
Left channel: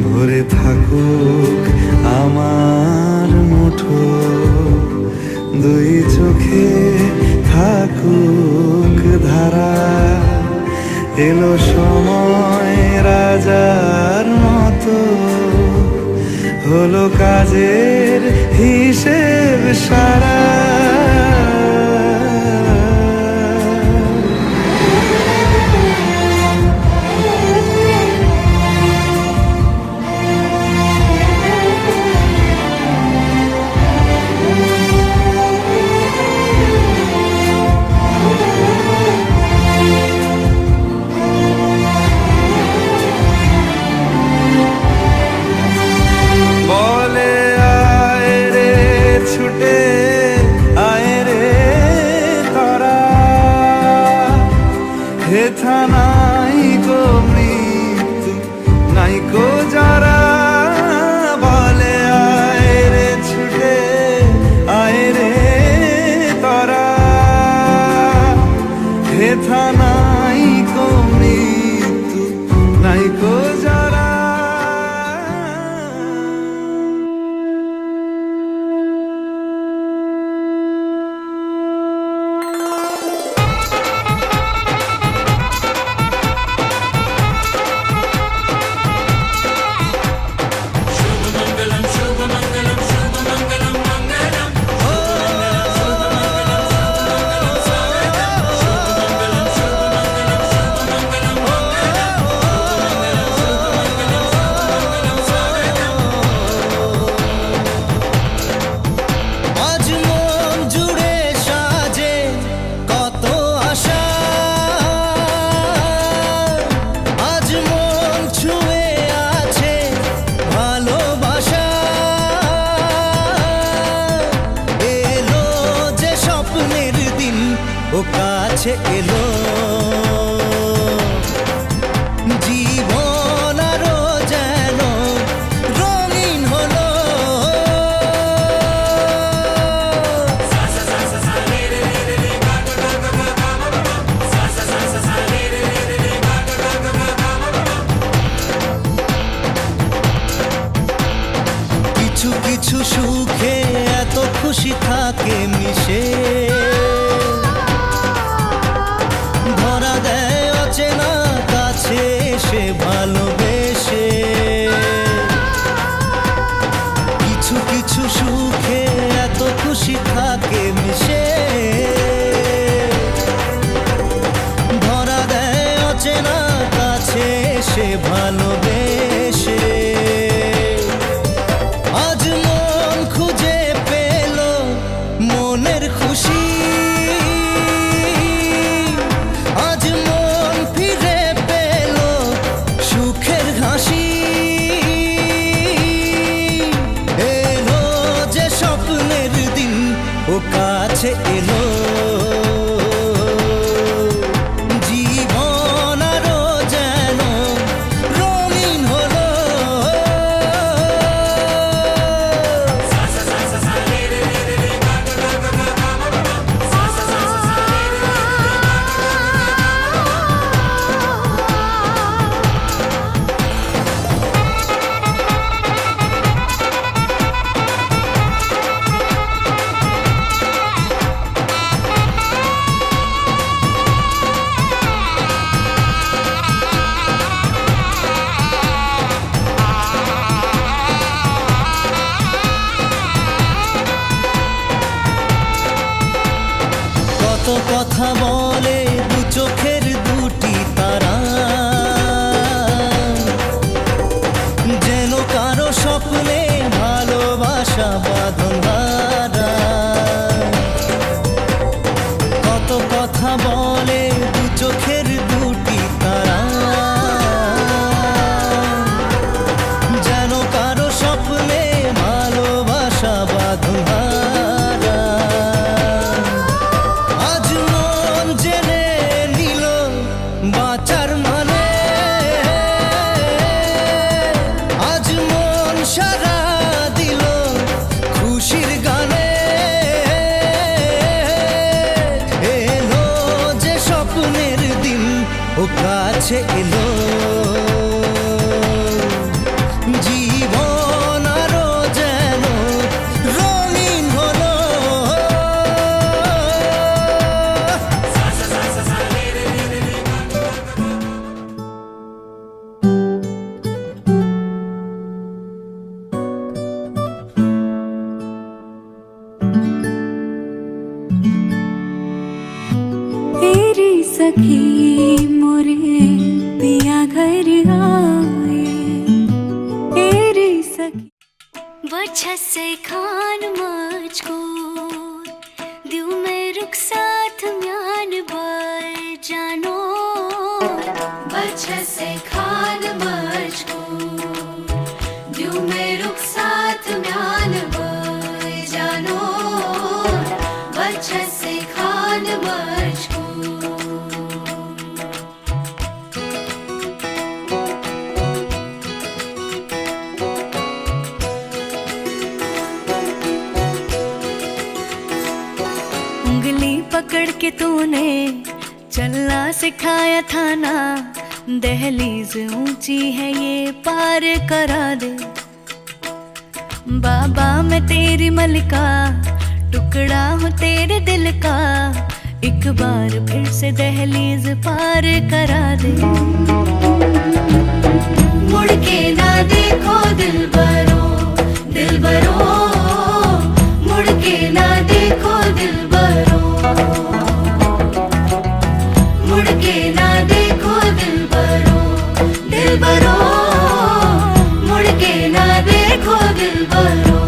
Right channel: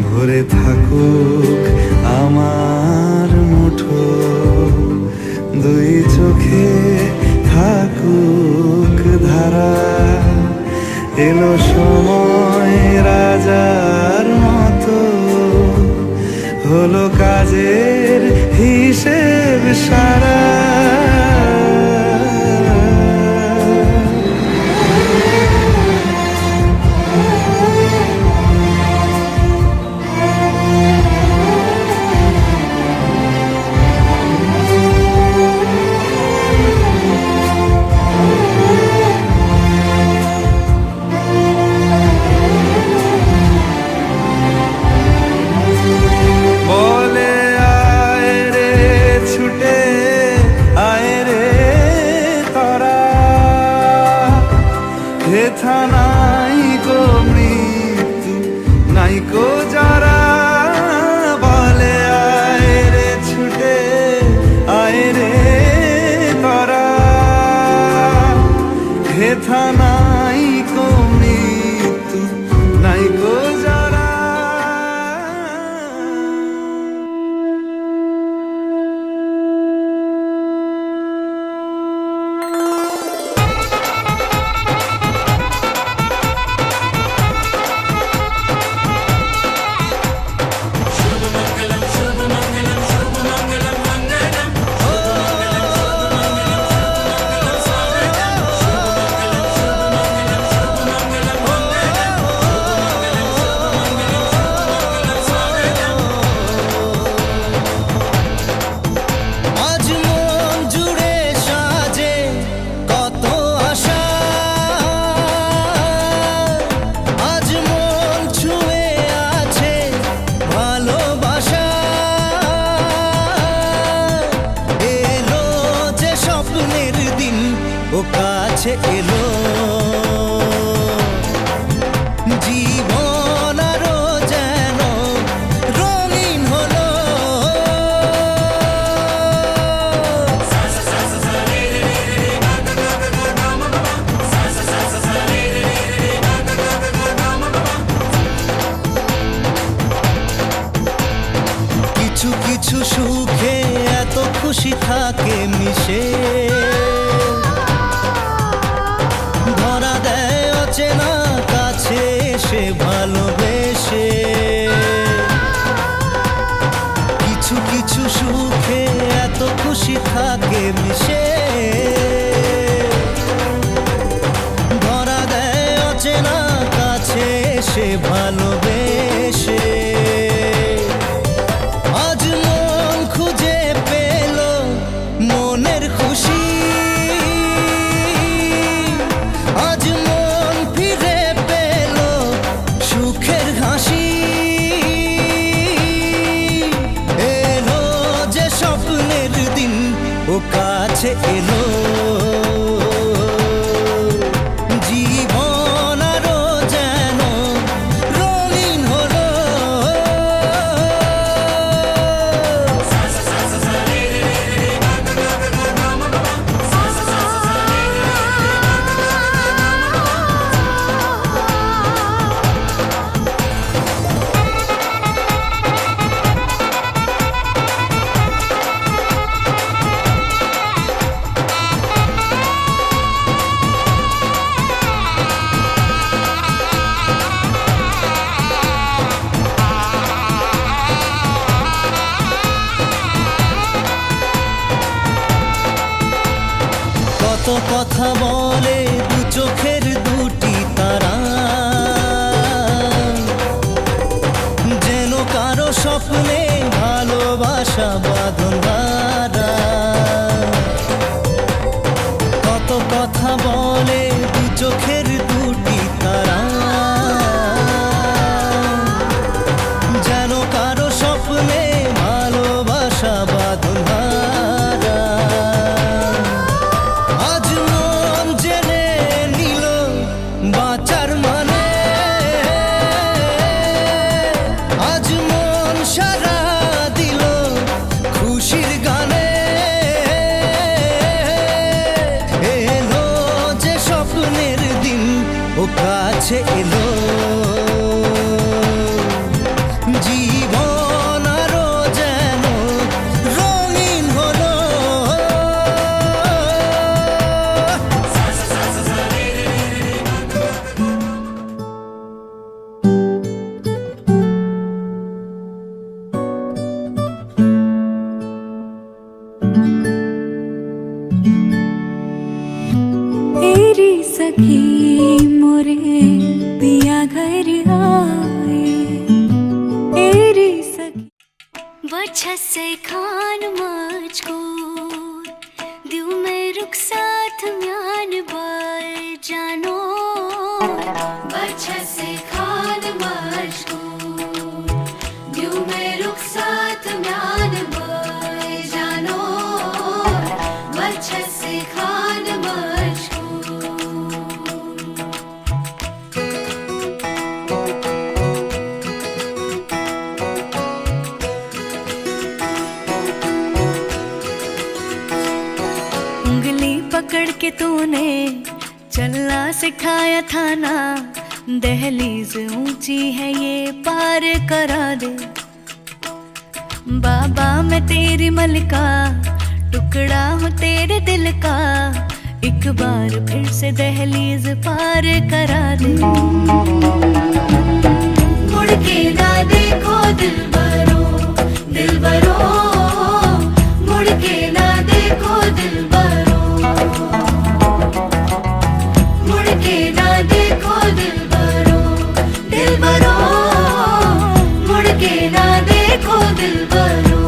ভরে থাকুক আমার মুঠো, দুই চোখে থাকুক ধারা। এলো সময় রাজার মতো, হলো কাজের হিসেব সারা। বলে আয় রে ছুটে আয় রে তোরা, হেথা নাই গো মৃত্যু নাই কো যারা। বলে আয় রে ছুটে আয় রে তোরা, হেথা নাই কো মৃত্যু নাই কো যারা। আজ মন জুড়ে সাজে কত আশা, আজ মন ছুঁয়ে আছে ভালোবাসা। এলো যে স্বপ্নের দিন ও কাছে এলো, জীবন আরো যেন রঙিন হলো। কিছু কিছু সুখে এত খুশি থাকে মিশে, ধরা দেয় অচেনা কাছে সে ভালোবেসে। কিছু কিছু সুখে এত খুশি থাকে মিশে, ধরা দেয় অচেনা কাছে সে ভালোবেসে। আজ মন খুঁজে পেল মনের খুশি, আজ মন ফিরে পেল সুখের হাসি। এলো যে স্বপ্নের দিন ও কাছে এলো, জীবন আরো যেন রঙিন হলো। কত কথা বলে দু চোখের দুটি তারা, যেন কারো স্বপ্নে ভালোবাসা বাঁধন হারা। কত কথা বলে দু চোখের দুটি তারা, যেন কারো স্বপ্নে ভালোবাসা বাঁধনহারা। আজ মন জেনে নিল বাঁচার মানে, আজ মন সারা দিল খুশির গানে। এলো যে স্বপ্নের দিন ও কাছে এলো, জীবন আরো যেন রঙিন হলো। तेरी सखी मोरे पिया घर आए, तेरी सखी बच्चा से खान मुझको दिल में रुख साथ म्यान बर जानो, बच्चा से खान मुझको दिल में रुख साथ म्यान बर जानो, बच्चा से खान मुझको। उंगली पकड़ के तूने चलना सिखाया था ना, दहलीज ऊंची है ये पार करा दे। बाबा मैं तेरी मलिका, टुकड़ा हूँ तेरे दिल का, एक बार फिर से दहलीज पार करा दे। मुड़ के ना देखो दिलबरो, दिलबरो, मुड़ के ना देखो दिलबरो, मुड़ के ना देखो दिलबरो, दिलबरो, मुड़ के ना देखो दिलबरो।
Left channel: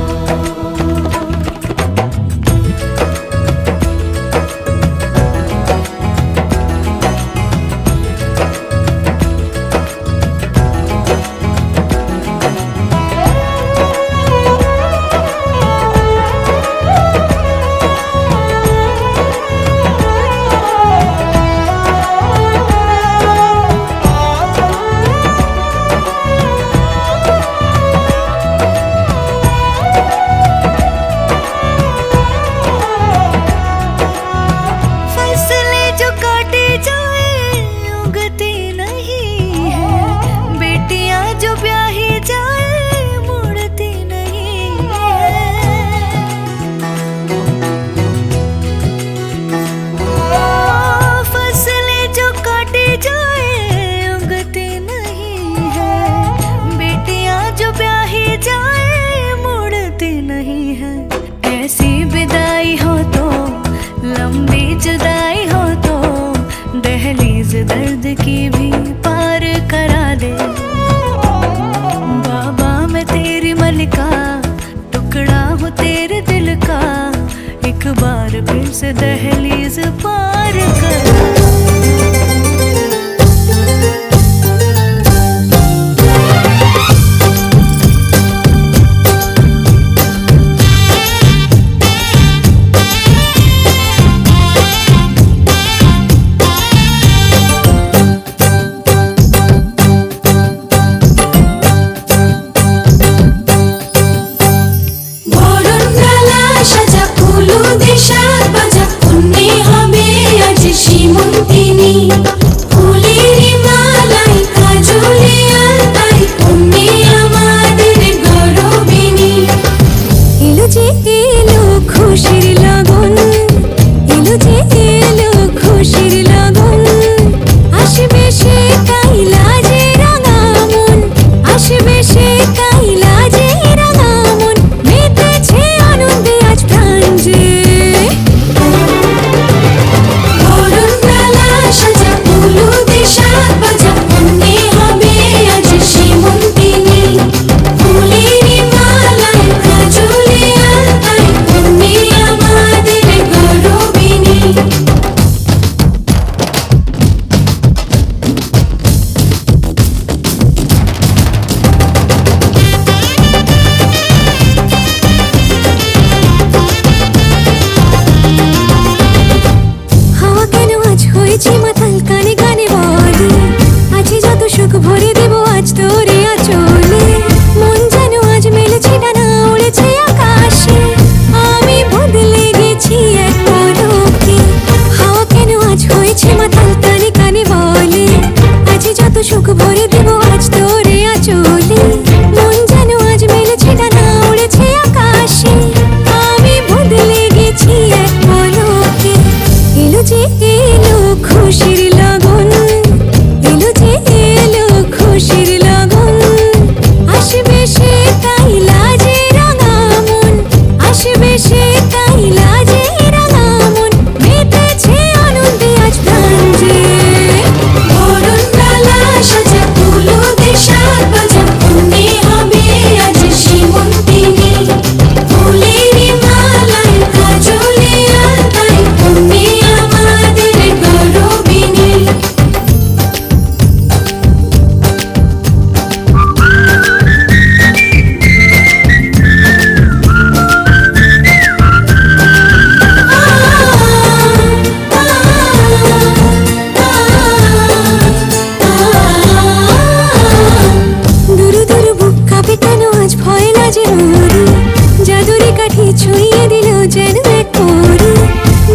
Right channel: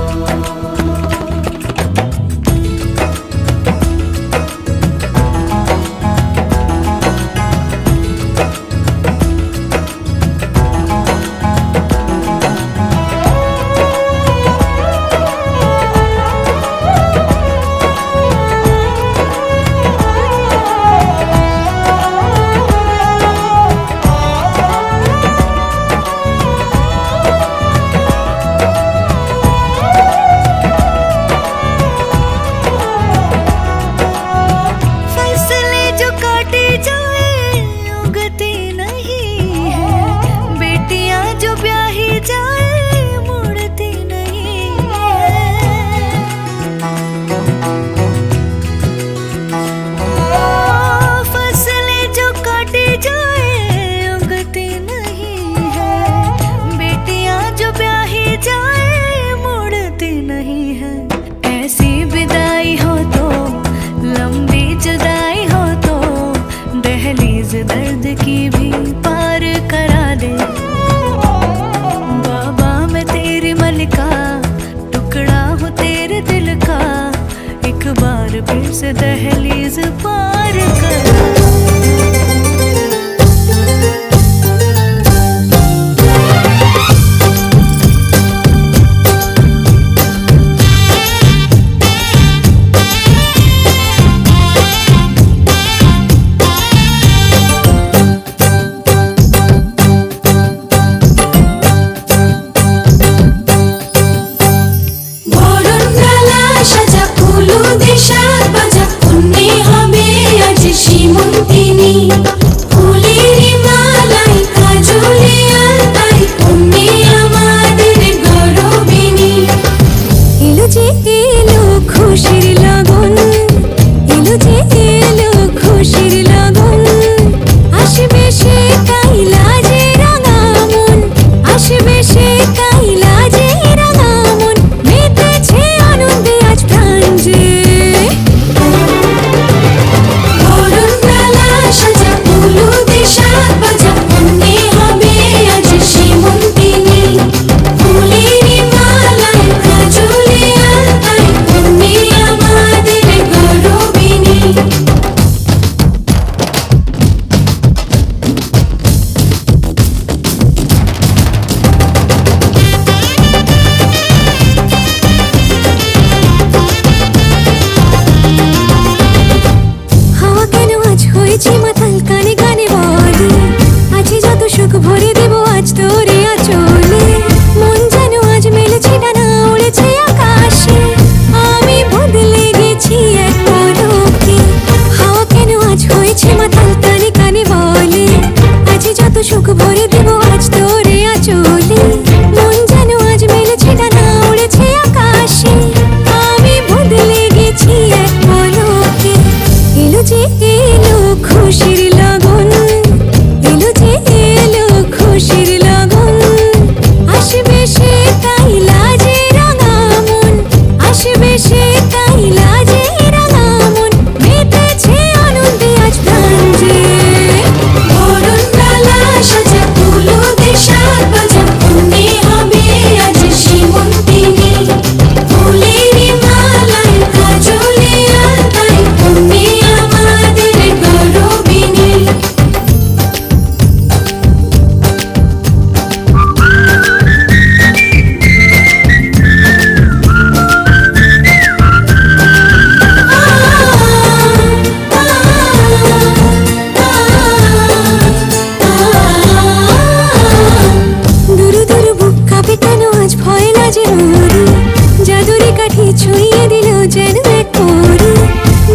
दर्द की भी पार करा दे। बाबा मैं तेरी मलिका, टुकड़ा हूँ तेरे दिल का, एक बार फिर से दहलीज पार करा। সাজা ফুলু দেশার বাজা এলো খুশির লগন, এলো যে এলো খুশির লগন, আসবে সে তাই লাজে রাঙা মন, আসবে সে তাই লাজে রাঙা মন, মেতেছে আনন্দে আজ প্রাণ যে। বরণ ডালা সাজা ফুলো দেশার বাজা, মনে হবে আজ সীমন্তিনী, ফুলেরই মালায় কাজলে আলতায়, তুমি আমাদের গৌরবিনী। দুরু দুরু বুক কাঁপে কেন আজ ভয় লাজে রোরি, জাদুরি কাঠি ছুঁয়ে দিল যেন এক পরি,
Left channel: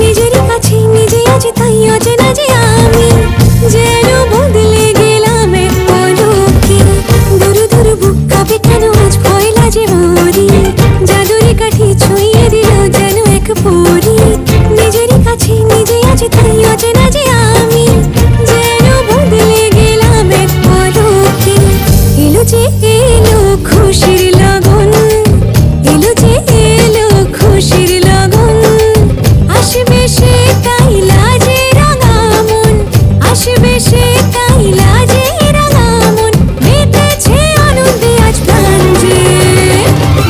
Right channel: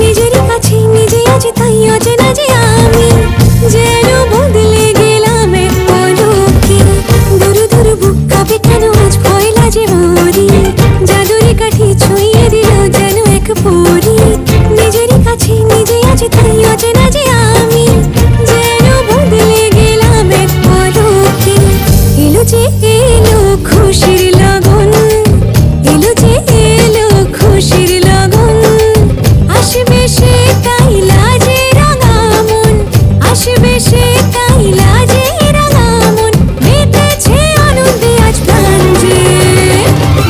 নিজেরই কাছে নিজে আছি তাই অচেনা যে আমি, যেন বদলে গেলাম এক পলকে। দুরু দুরু বুক কাঁপে কেন আজ ভয় লাজে রোরি, জাদুরি কাঠি ছুঁয়ে দিল যেন এক পরি, নিজেরই কাছে নিজে আছি তাই অচেনা যে আমি, যেন বদলে গেলাম এক পলকে। এলো যে এলো খুশির লগন, এলো যে এলো খুশির লগন, আসবে সে তাই লাজে রাঙা মন, আসবে সে তাই লাজে রাঙা মন, মেতেছে আনন্দে আজ প্রাণ যে।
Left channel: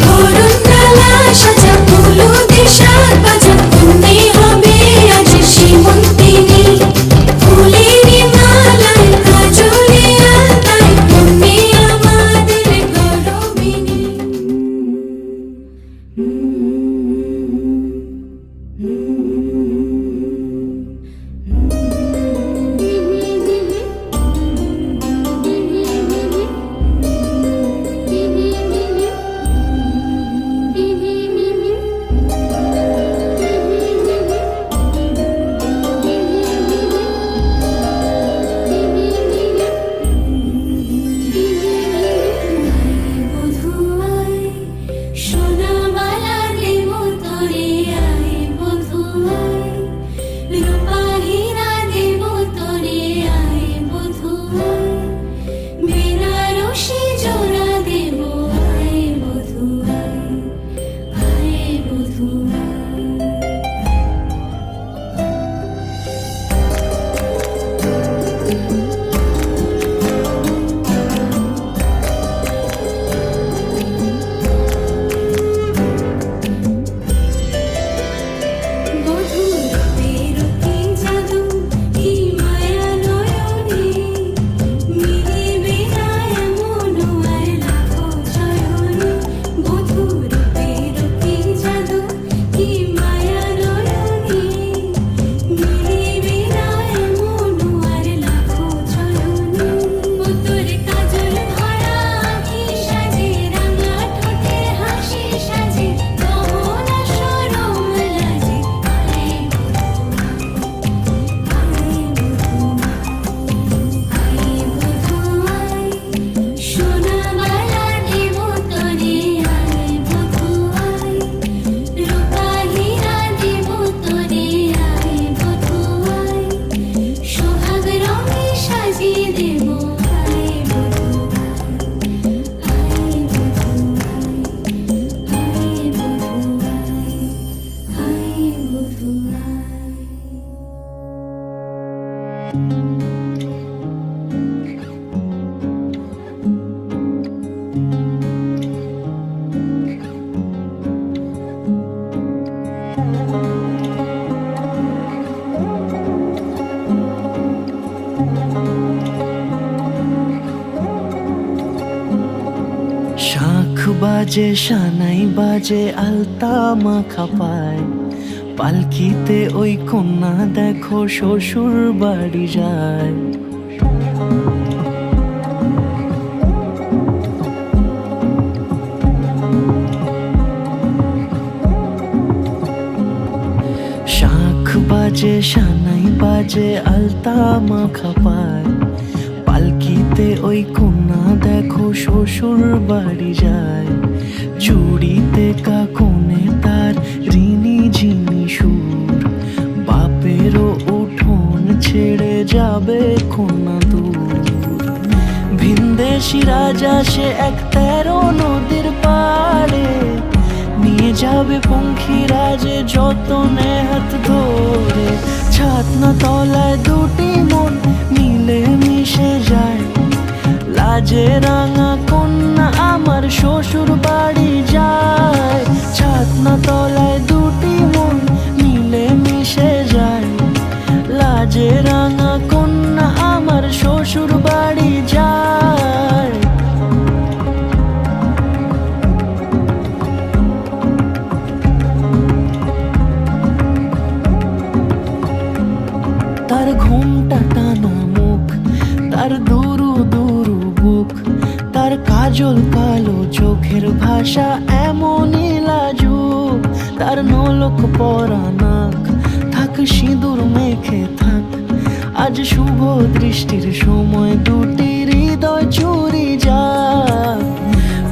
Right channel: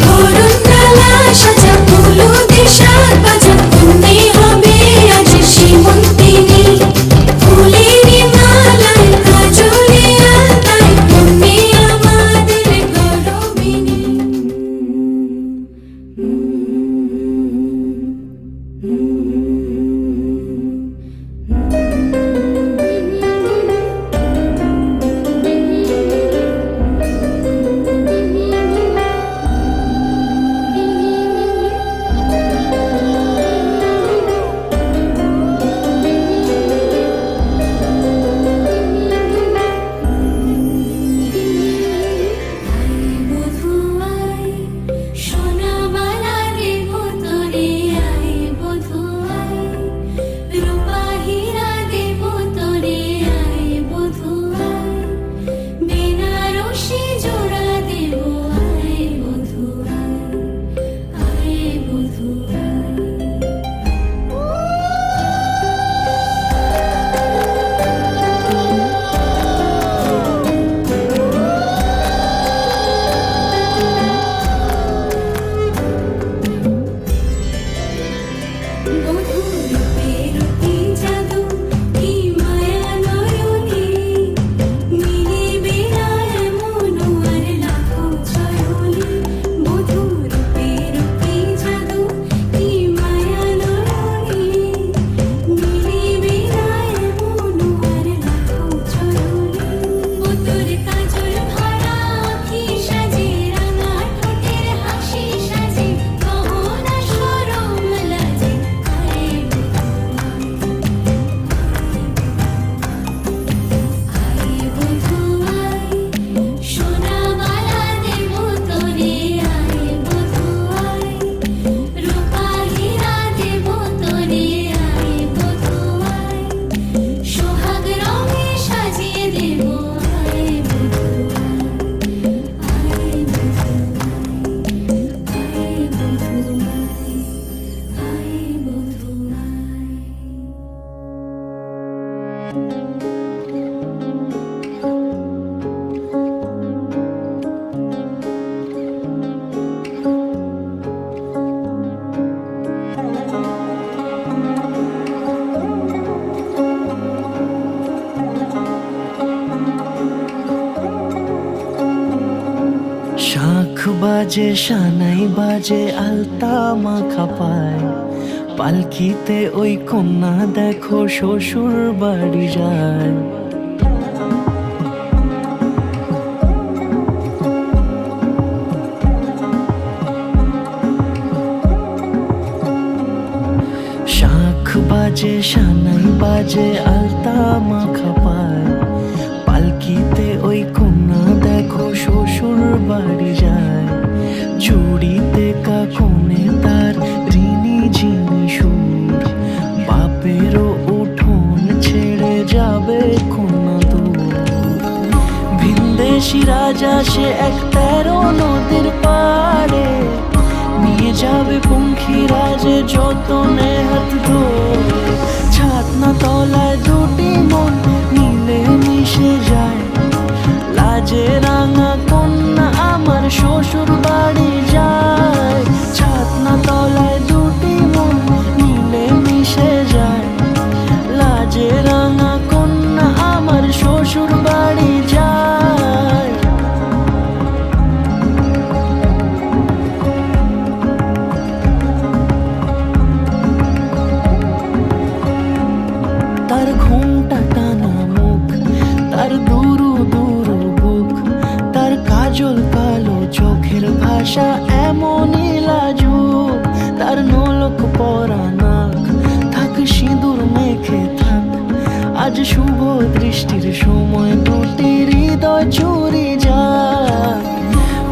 বরণ ডালা সাজা ফুলো দেশার বাজা, মনে হবে আজ সীমন্তিনী, ফুলেরই মালায় কাজলে আলতায়, তুমি আমাদের গৌরবিনী। বধুয়াই সোনা বালারে বোতলে আনে, বধুয়াই রূপা হীরা দে বোতলে আনে, বধুয়াই বেনারসি জোড়া দেব আয়, বধুয়াই আয়, বধুয়াই। বধুর রূপের কি জাদু, কি মায়া নয়নে, মিলিবে না এমন আর লাখো চরণে। বধুর রূপের কি জাদু, কি মায়া নয়নে, মিলিবে না এমন আর লাখো চরণে। তোর কাজল ধরা আঁখি সাজে, রাঙা ঠোঁটে হাসি সাজে, তোরা সরম রাজে, আরে বধুয়াই সোনা বালারে বোতলে আনে, বধুয়াই রূপা হীরা দে বোতলে আনে, বধুয়াই সোহাগ রঙে সাজিয়ে দেব আয়, বধুয়াই আয়, শাঁখ বাজে সানাই বাজে আলতা মাখা পায়, পালকিতে ওই কন্যা দেখো শ্বশুর বাড়ি যায়। শাঁখ বাজে সানাই বাজে আলতা মাখা পায়, পালকিতে ওই কন্যা দেখো শ্বশুর বাড়ি যায়। চুড়িতে কাকনে তার ঋণী ঝিনি সুর, বাপেরও উঠো যাবে খুনা দূর। ভিনদেশি রাজা সে 13 নদীর পাড়ে, নিয়ে যাবে পঙ্খী রাজে যতনে হাত ধরে। ছাতনা তলায় দুটি মন মিলে মিশে যায়, লাজে রাঙা কন্যা আমার শ্বশুর বাড়ি যায়। ছাতনা তলায় দুটি মন মিলে মিশে যায়, লাজে রাঙা কন্যা আমার শ্বশুর বাড়ি যায়। তার ঘুমটা টানা মুখ, তার দুরু দুরু বুক, তার কাজল কালো চোখের ভাষা এমনই লাজুক। তার নলক পরা নাক, থাক সিঁদুর মেখে থাক, আজ শুভ দৃষ্টির সময় দুটি হৃদয় চুরি যাক।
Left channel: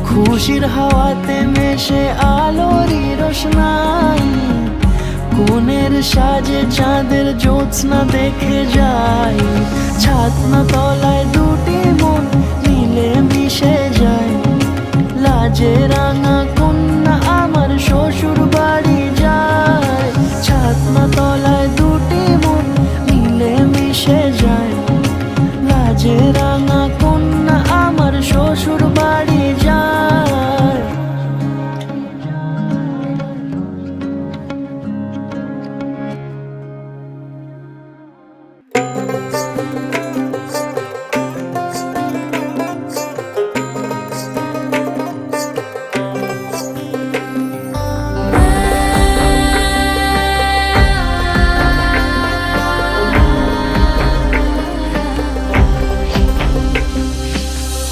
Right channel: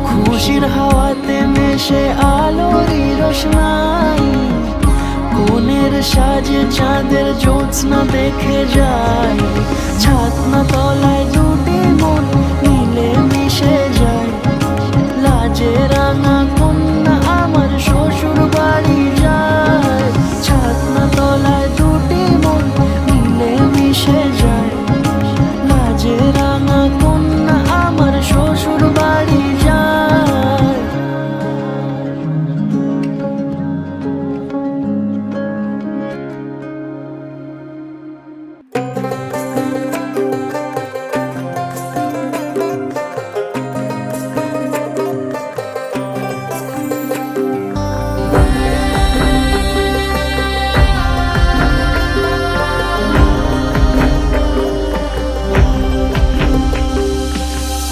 খুশির হাওয়াতে মেশে আলোরই রোশনাই, কোণের সাজে চাঁদের জ্যোৎস্না দেখে যাই। ছাতনা তলায় দুটি মন মিলে মিশে যায়, লাজে রাঙা কন্যা আমার শ্বশুর বাড়ি যায়। ছাতনা তলায় দুটি মন মিলে মিশে যায়, লাজে রাঙা কন্যা আমার শ্বশুর বাড়ি যায়।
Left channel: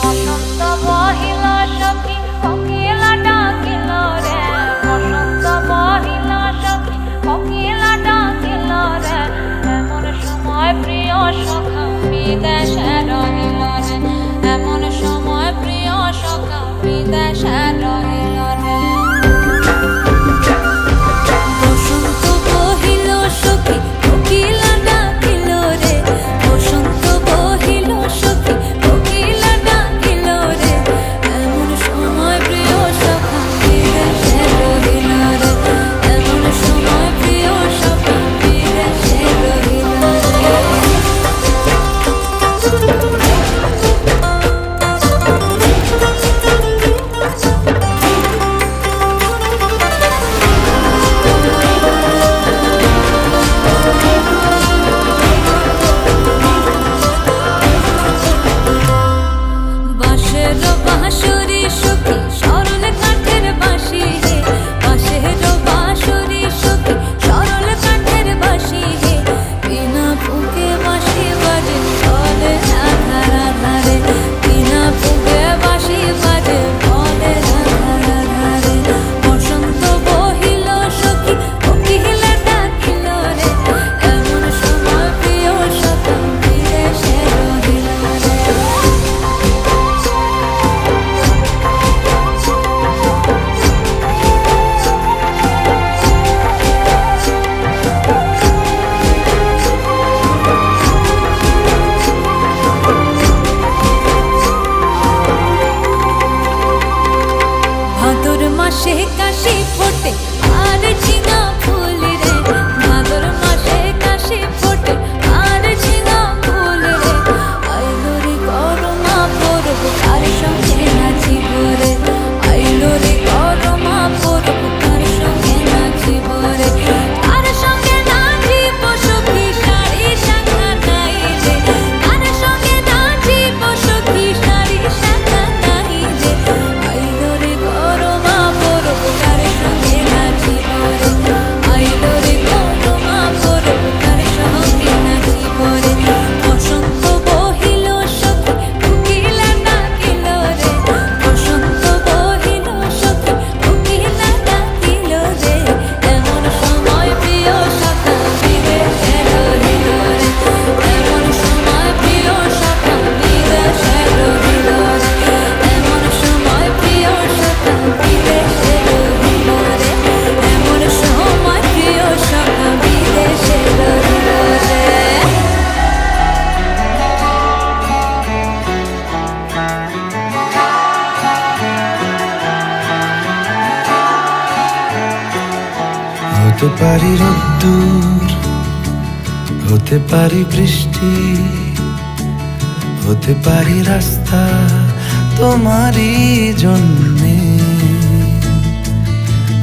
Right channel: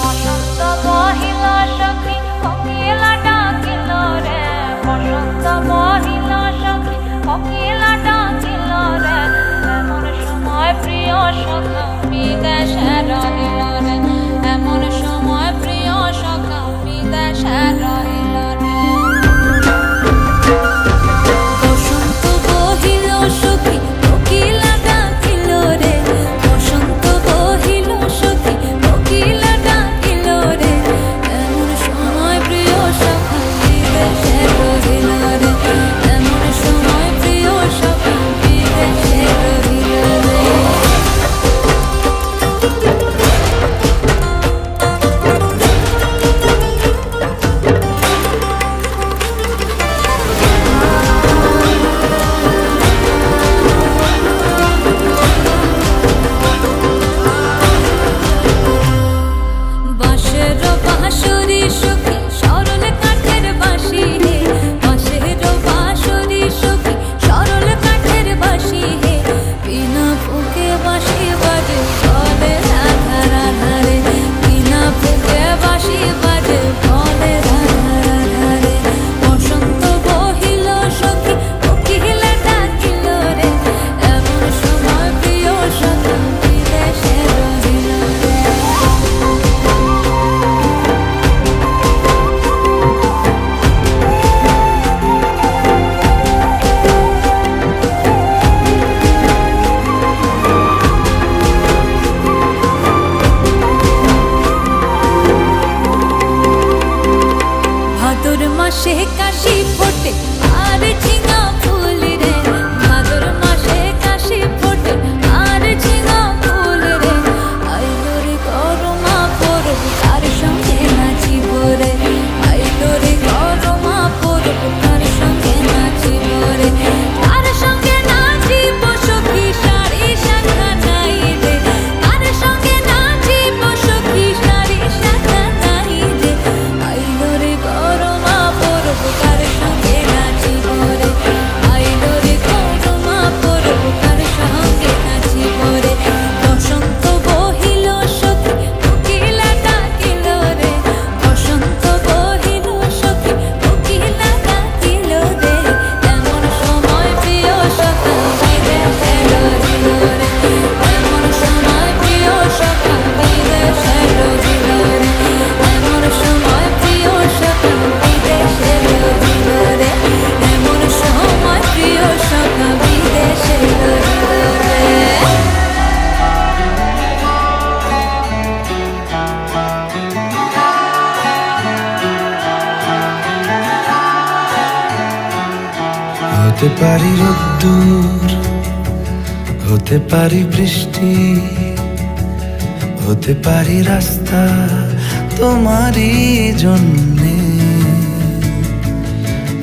বসন্ত বহিল সখী কোকিলা ডাকিল রে, বসন্ত বহিল সখী কোকিলা ডাকিল রে। এমন সময় প্রিয় সখা বিদেশে রহিল রে, এমন সময় প্রিয় সখা বিদেশে রহিল রে। বসন্ত বহিল সখী কোকিলা ডাকিল রে, বসন্ত বহিল সখী কোকিলা ডাকিল রে। এমন সময় প্রিয় সখা বিদেশে রহিল রে, এমন সময় প্রিয় সখা বিদেশে রহিল রে। বাঁশের বাঁশরি সখী সরল কাঠের বাঁশি হে, বাঁশের বাঁশরি সখী সরল কাঠের বাঁশি হে। বিনা ফুঁকে বাঁশি বাজে বলে রাধা রাধা রে, বিনা ফুঁকে বাঁশি বাজে বলে রাধা রাধা রে। বসন্ত বহিল সখী কোকিলা ডাকিল রে, এমন সময় প্রিয় সখা বিদেশে রহিল রে। ভাদর মাসে কাশি ফোটে আর ঝিঙা ফুল রে, ভাদর মাসে কাশি ফোটে আর ঝিঙা ফুল রে। আইলো রে করমা পরব কার সঙ্গে নাচিব রে, আইলো রে করমা পরব কার সঙ্গে নাচিব রে। কার সঙ্গে নাচিব সখী শাড়ি শাখা নাই রে, কার সঙ্গে নাচিব সখী শাড়ি শাখা নাই রে। আইলো রে করমা পরব কার সঙ্গে নাচিব রে, হতে পারি রোদ্দুর, হতে পারি বৃষ্টি, হতে পারি রাস্তা তোমারই জন্যে,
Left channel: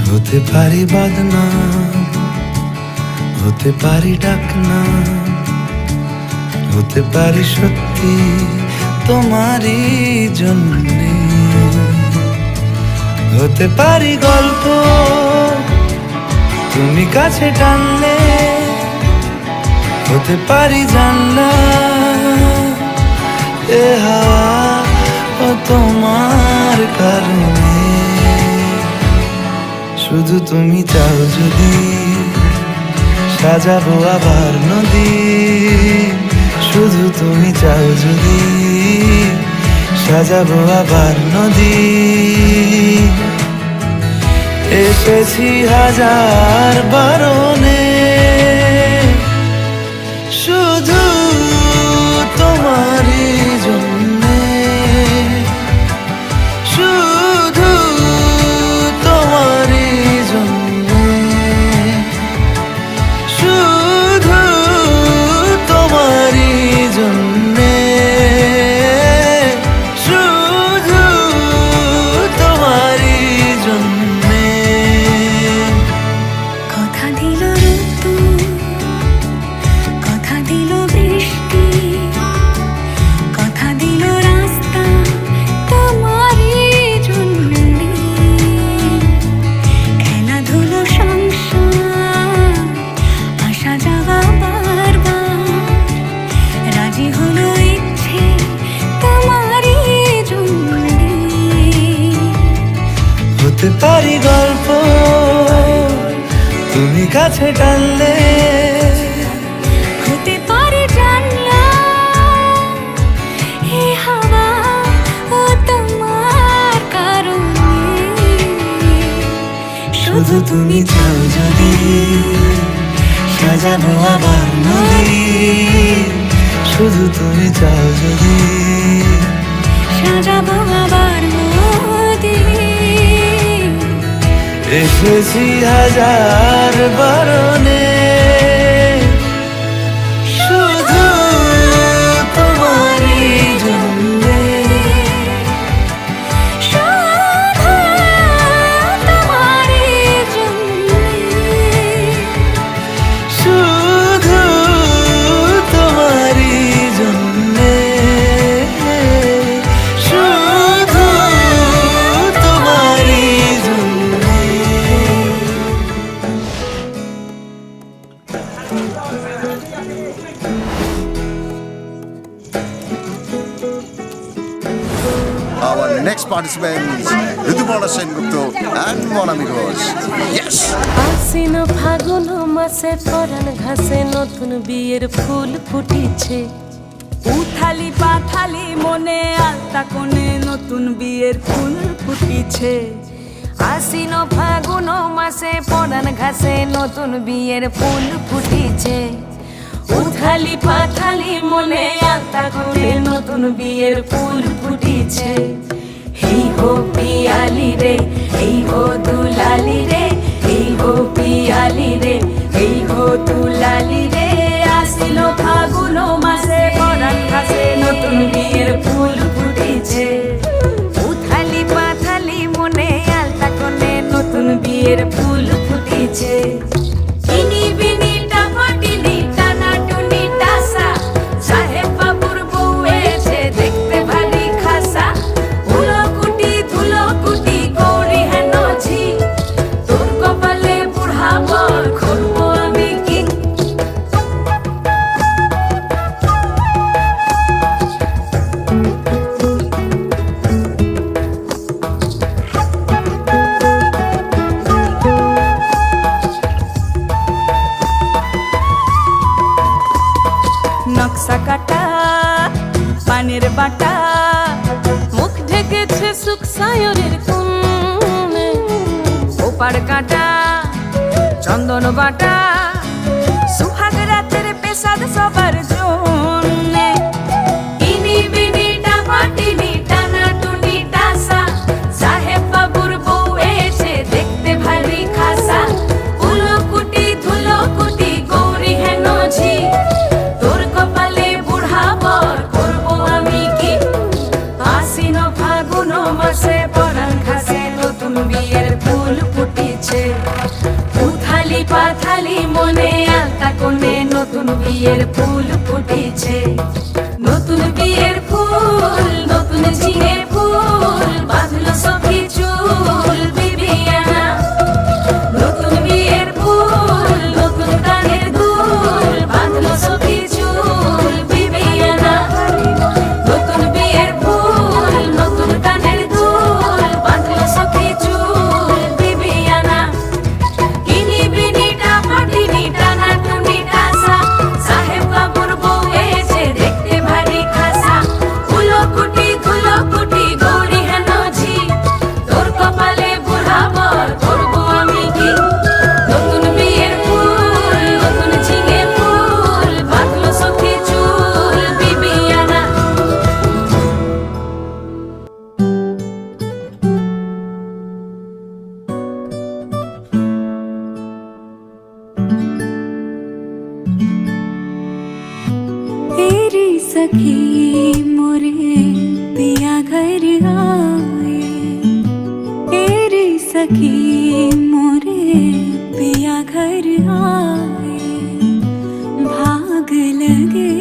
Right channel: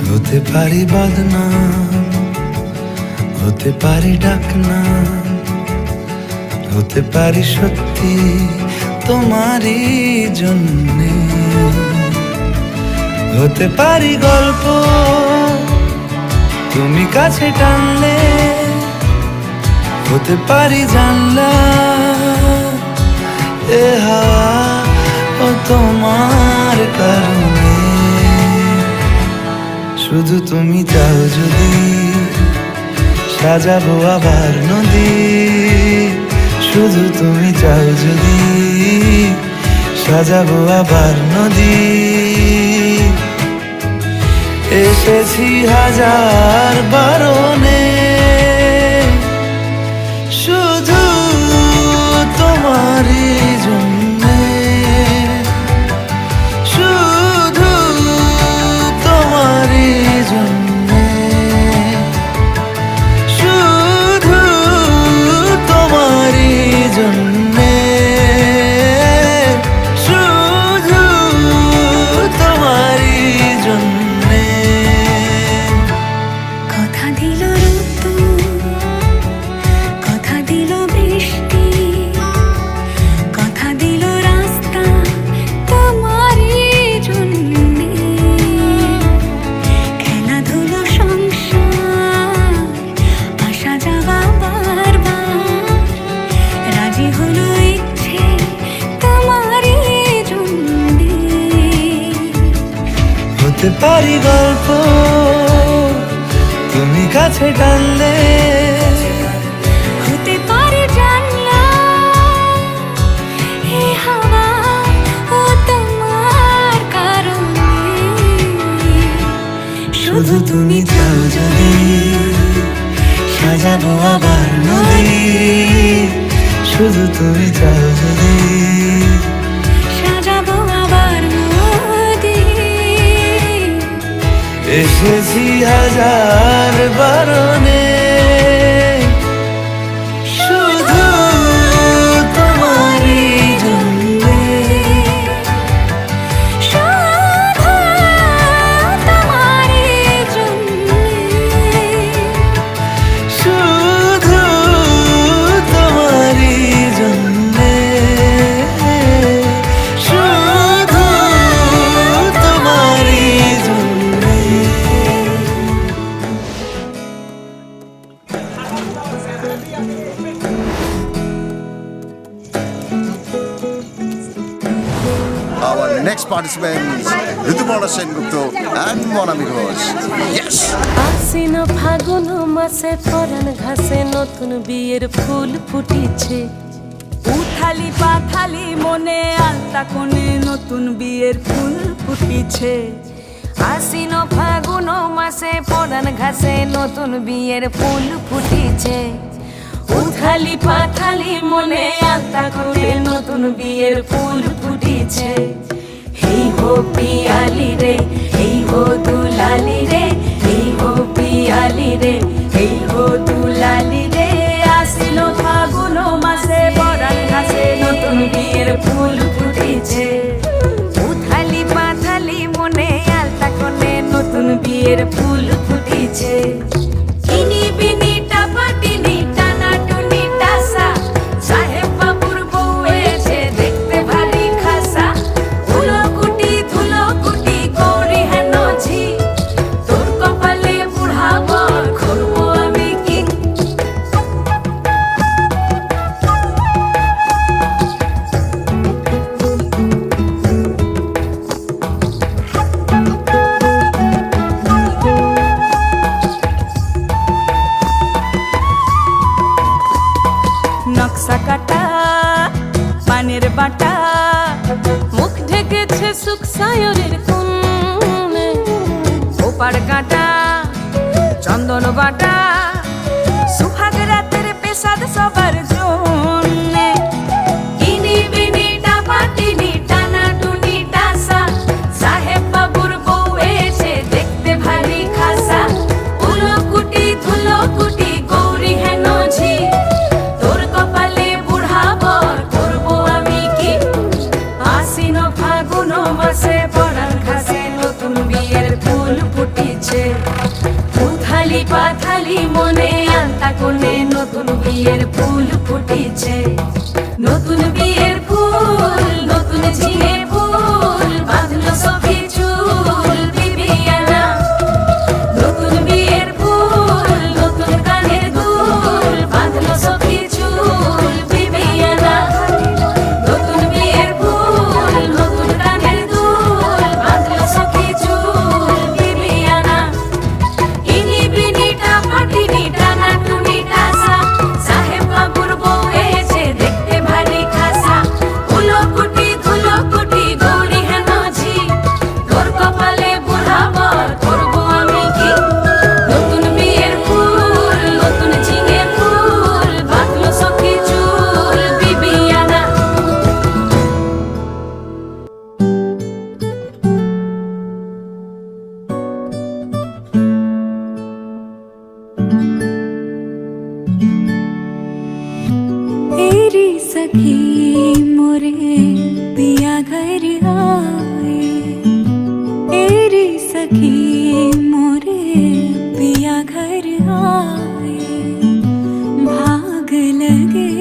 হতে পারি বদনাম, হতে পারি ডাকনাম, হতে পারি সত্যি তোমারই জন্যে, হতে পারি গল্প তুমি কাছে টানলে, হতে পারি জানলা এ হাওয়া ও তোমার কারণে, শুধু তুমি চাও যদি সাজাবো আবার নদী, শুধু তুমি চাও যদি সাজাবো আবার নদী, এসেছি হাজার বারণে শুধু তোমারই জন্যে, শুধু তোমারই জন্যে, শুধু তোমারই জন্যে, শুধু তোমারই জন্যে। কথা দিল ঋতু, কথা দিল বৃষ্টি, কথা দিল রাস্তা তোমারই জন্যে, খেলাধুলো সংসার আসা যাওয়া বারবার, রাজি হলো ইচ্ছে তোমারই জন্যে, হতে পারি গল্প তুমি কাছে টানলে, হতে পারে জানলা হে হাওয়া ও তোমার কারণে, শুধু তুমি চাও যদি সাজাবো আবার নদী, শুধু তুমি চাও যদি সাজাবো আবার নদী, এসেছি হাজার বারণে শুধু তোমারই জন্যে, শুধু তোমারই জন্যে, শুধু তোমারই জন্যে, শুধু তোমারই জন্যে। Our next participants, Rituparna Sengupta and Monami Ghosh. Yes! আশ্বিন ফাগুন মাসে পরাণ ঘাসে নতুন বিয়ের ফুল ফুটিছে, উথালি পাথালি মনে আলতা কোণে নতুন বিয়ের ফুল ফুটিছে, আশ্বিন ফাগুন মাসে পরাণ ঘাসে নতুন বিয়ের ফুল ফুটিছে, উথালি পাথালি মনে আলতা কোণে নতুন বিয়ের ফুল ফুটিছে, হেই হো পিয়ালি রে হেই হো দুলালি রে, হেই হো পিয়ালি রে হেই হো দুলালি রে, আশ্বিন ফাগুন মাসে পরাণ ঘাসে নতুন বিয়ের ফুল ফুটিছে, উথালি পাথালি মনে আলতা কোণে নতুন বিয়ের ফুল ফুটিছে, ইনি বিনি টাপাটিনি টানা টুনি টাসা, সাহেব বাবুর বউ এসে দেখতে ভারী খাসা, উলকুটি ধুলকুটি গৌরী হেন ঝি, তোর কপালে বুড়া বর করবো আমি কি, নকশা কাটা পানের বাটা, মুখ ঢেকেছে সুখ সায়রের কোণে, ওপার কাটা চন্দন বাটা, সুহাগ রাতের পেশাদ সবার জন্যে, ইনি বিনি টাপাটিনি টানা টুনি টাসা, সাহেব বাবুর বউ এসে দেখতে ভারী খাসা, উলকুটি বিয়ের ফুল ফুটেছে, নতুন বিয়ের ফুল, নতুন ঝিঙে ফুল, বাঁধলো সখী চুল বিবিয়ানা। নতুন বিয়ের ফুল, নতুন কানের দুল, বাঁধলো সখী চুল বিবিয়ানা। নতুন বিয়ের ফুল, নতুন কানের দুল, বাঁধলো সখী চুল বিবিয়ানা। ইনি বিনিটা ফাটিনিটা নাটুনিটা সা, সাহেব বাবুর বউ এসে দেখতে ভারী খাসা। উলোকুটি ধুলোকুটি গৌরী হেন ঝি, তোর কপালে বুড়াবর করবো আমি কি। নতুন বিয়ের ফুল, নতুন ঝিঙে ফুল, বাঁধলো সখী চুল বিবিয়ানা। तेरी सखी मोरे पिया घर आए, तेरी सखी मोरे पिया घर आए, भाग लगे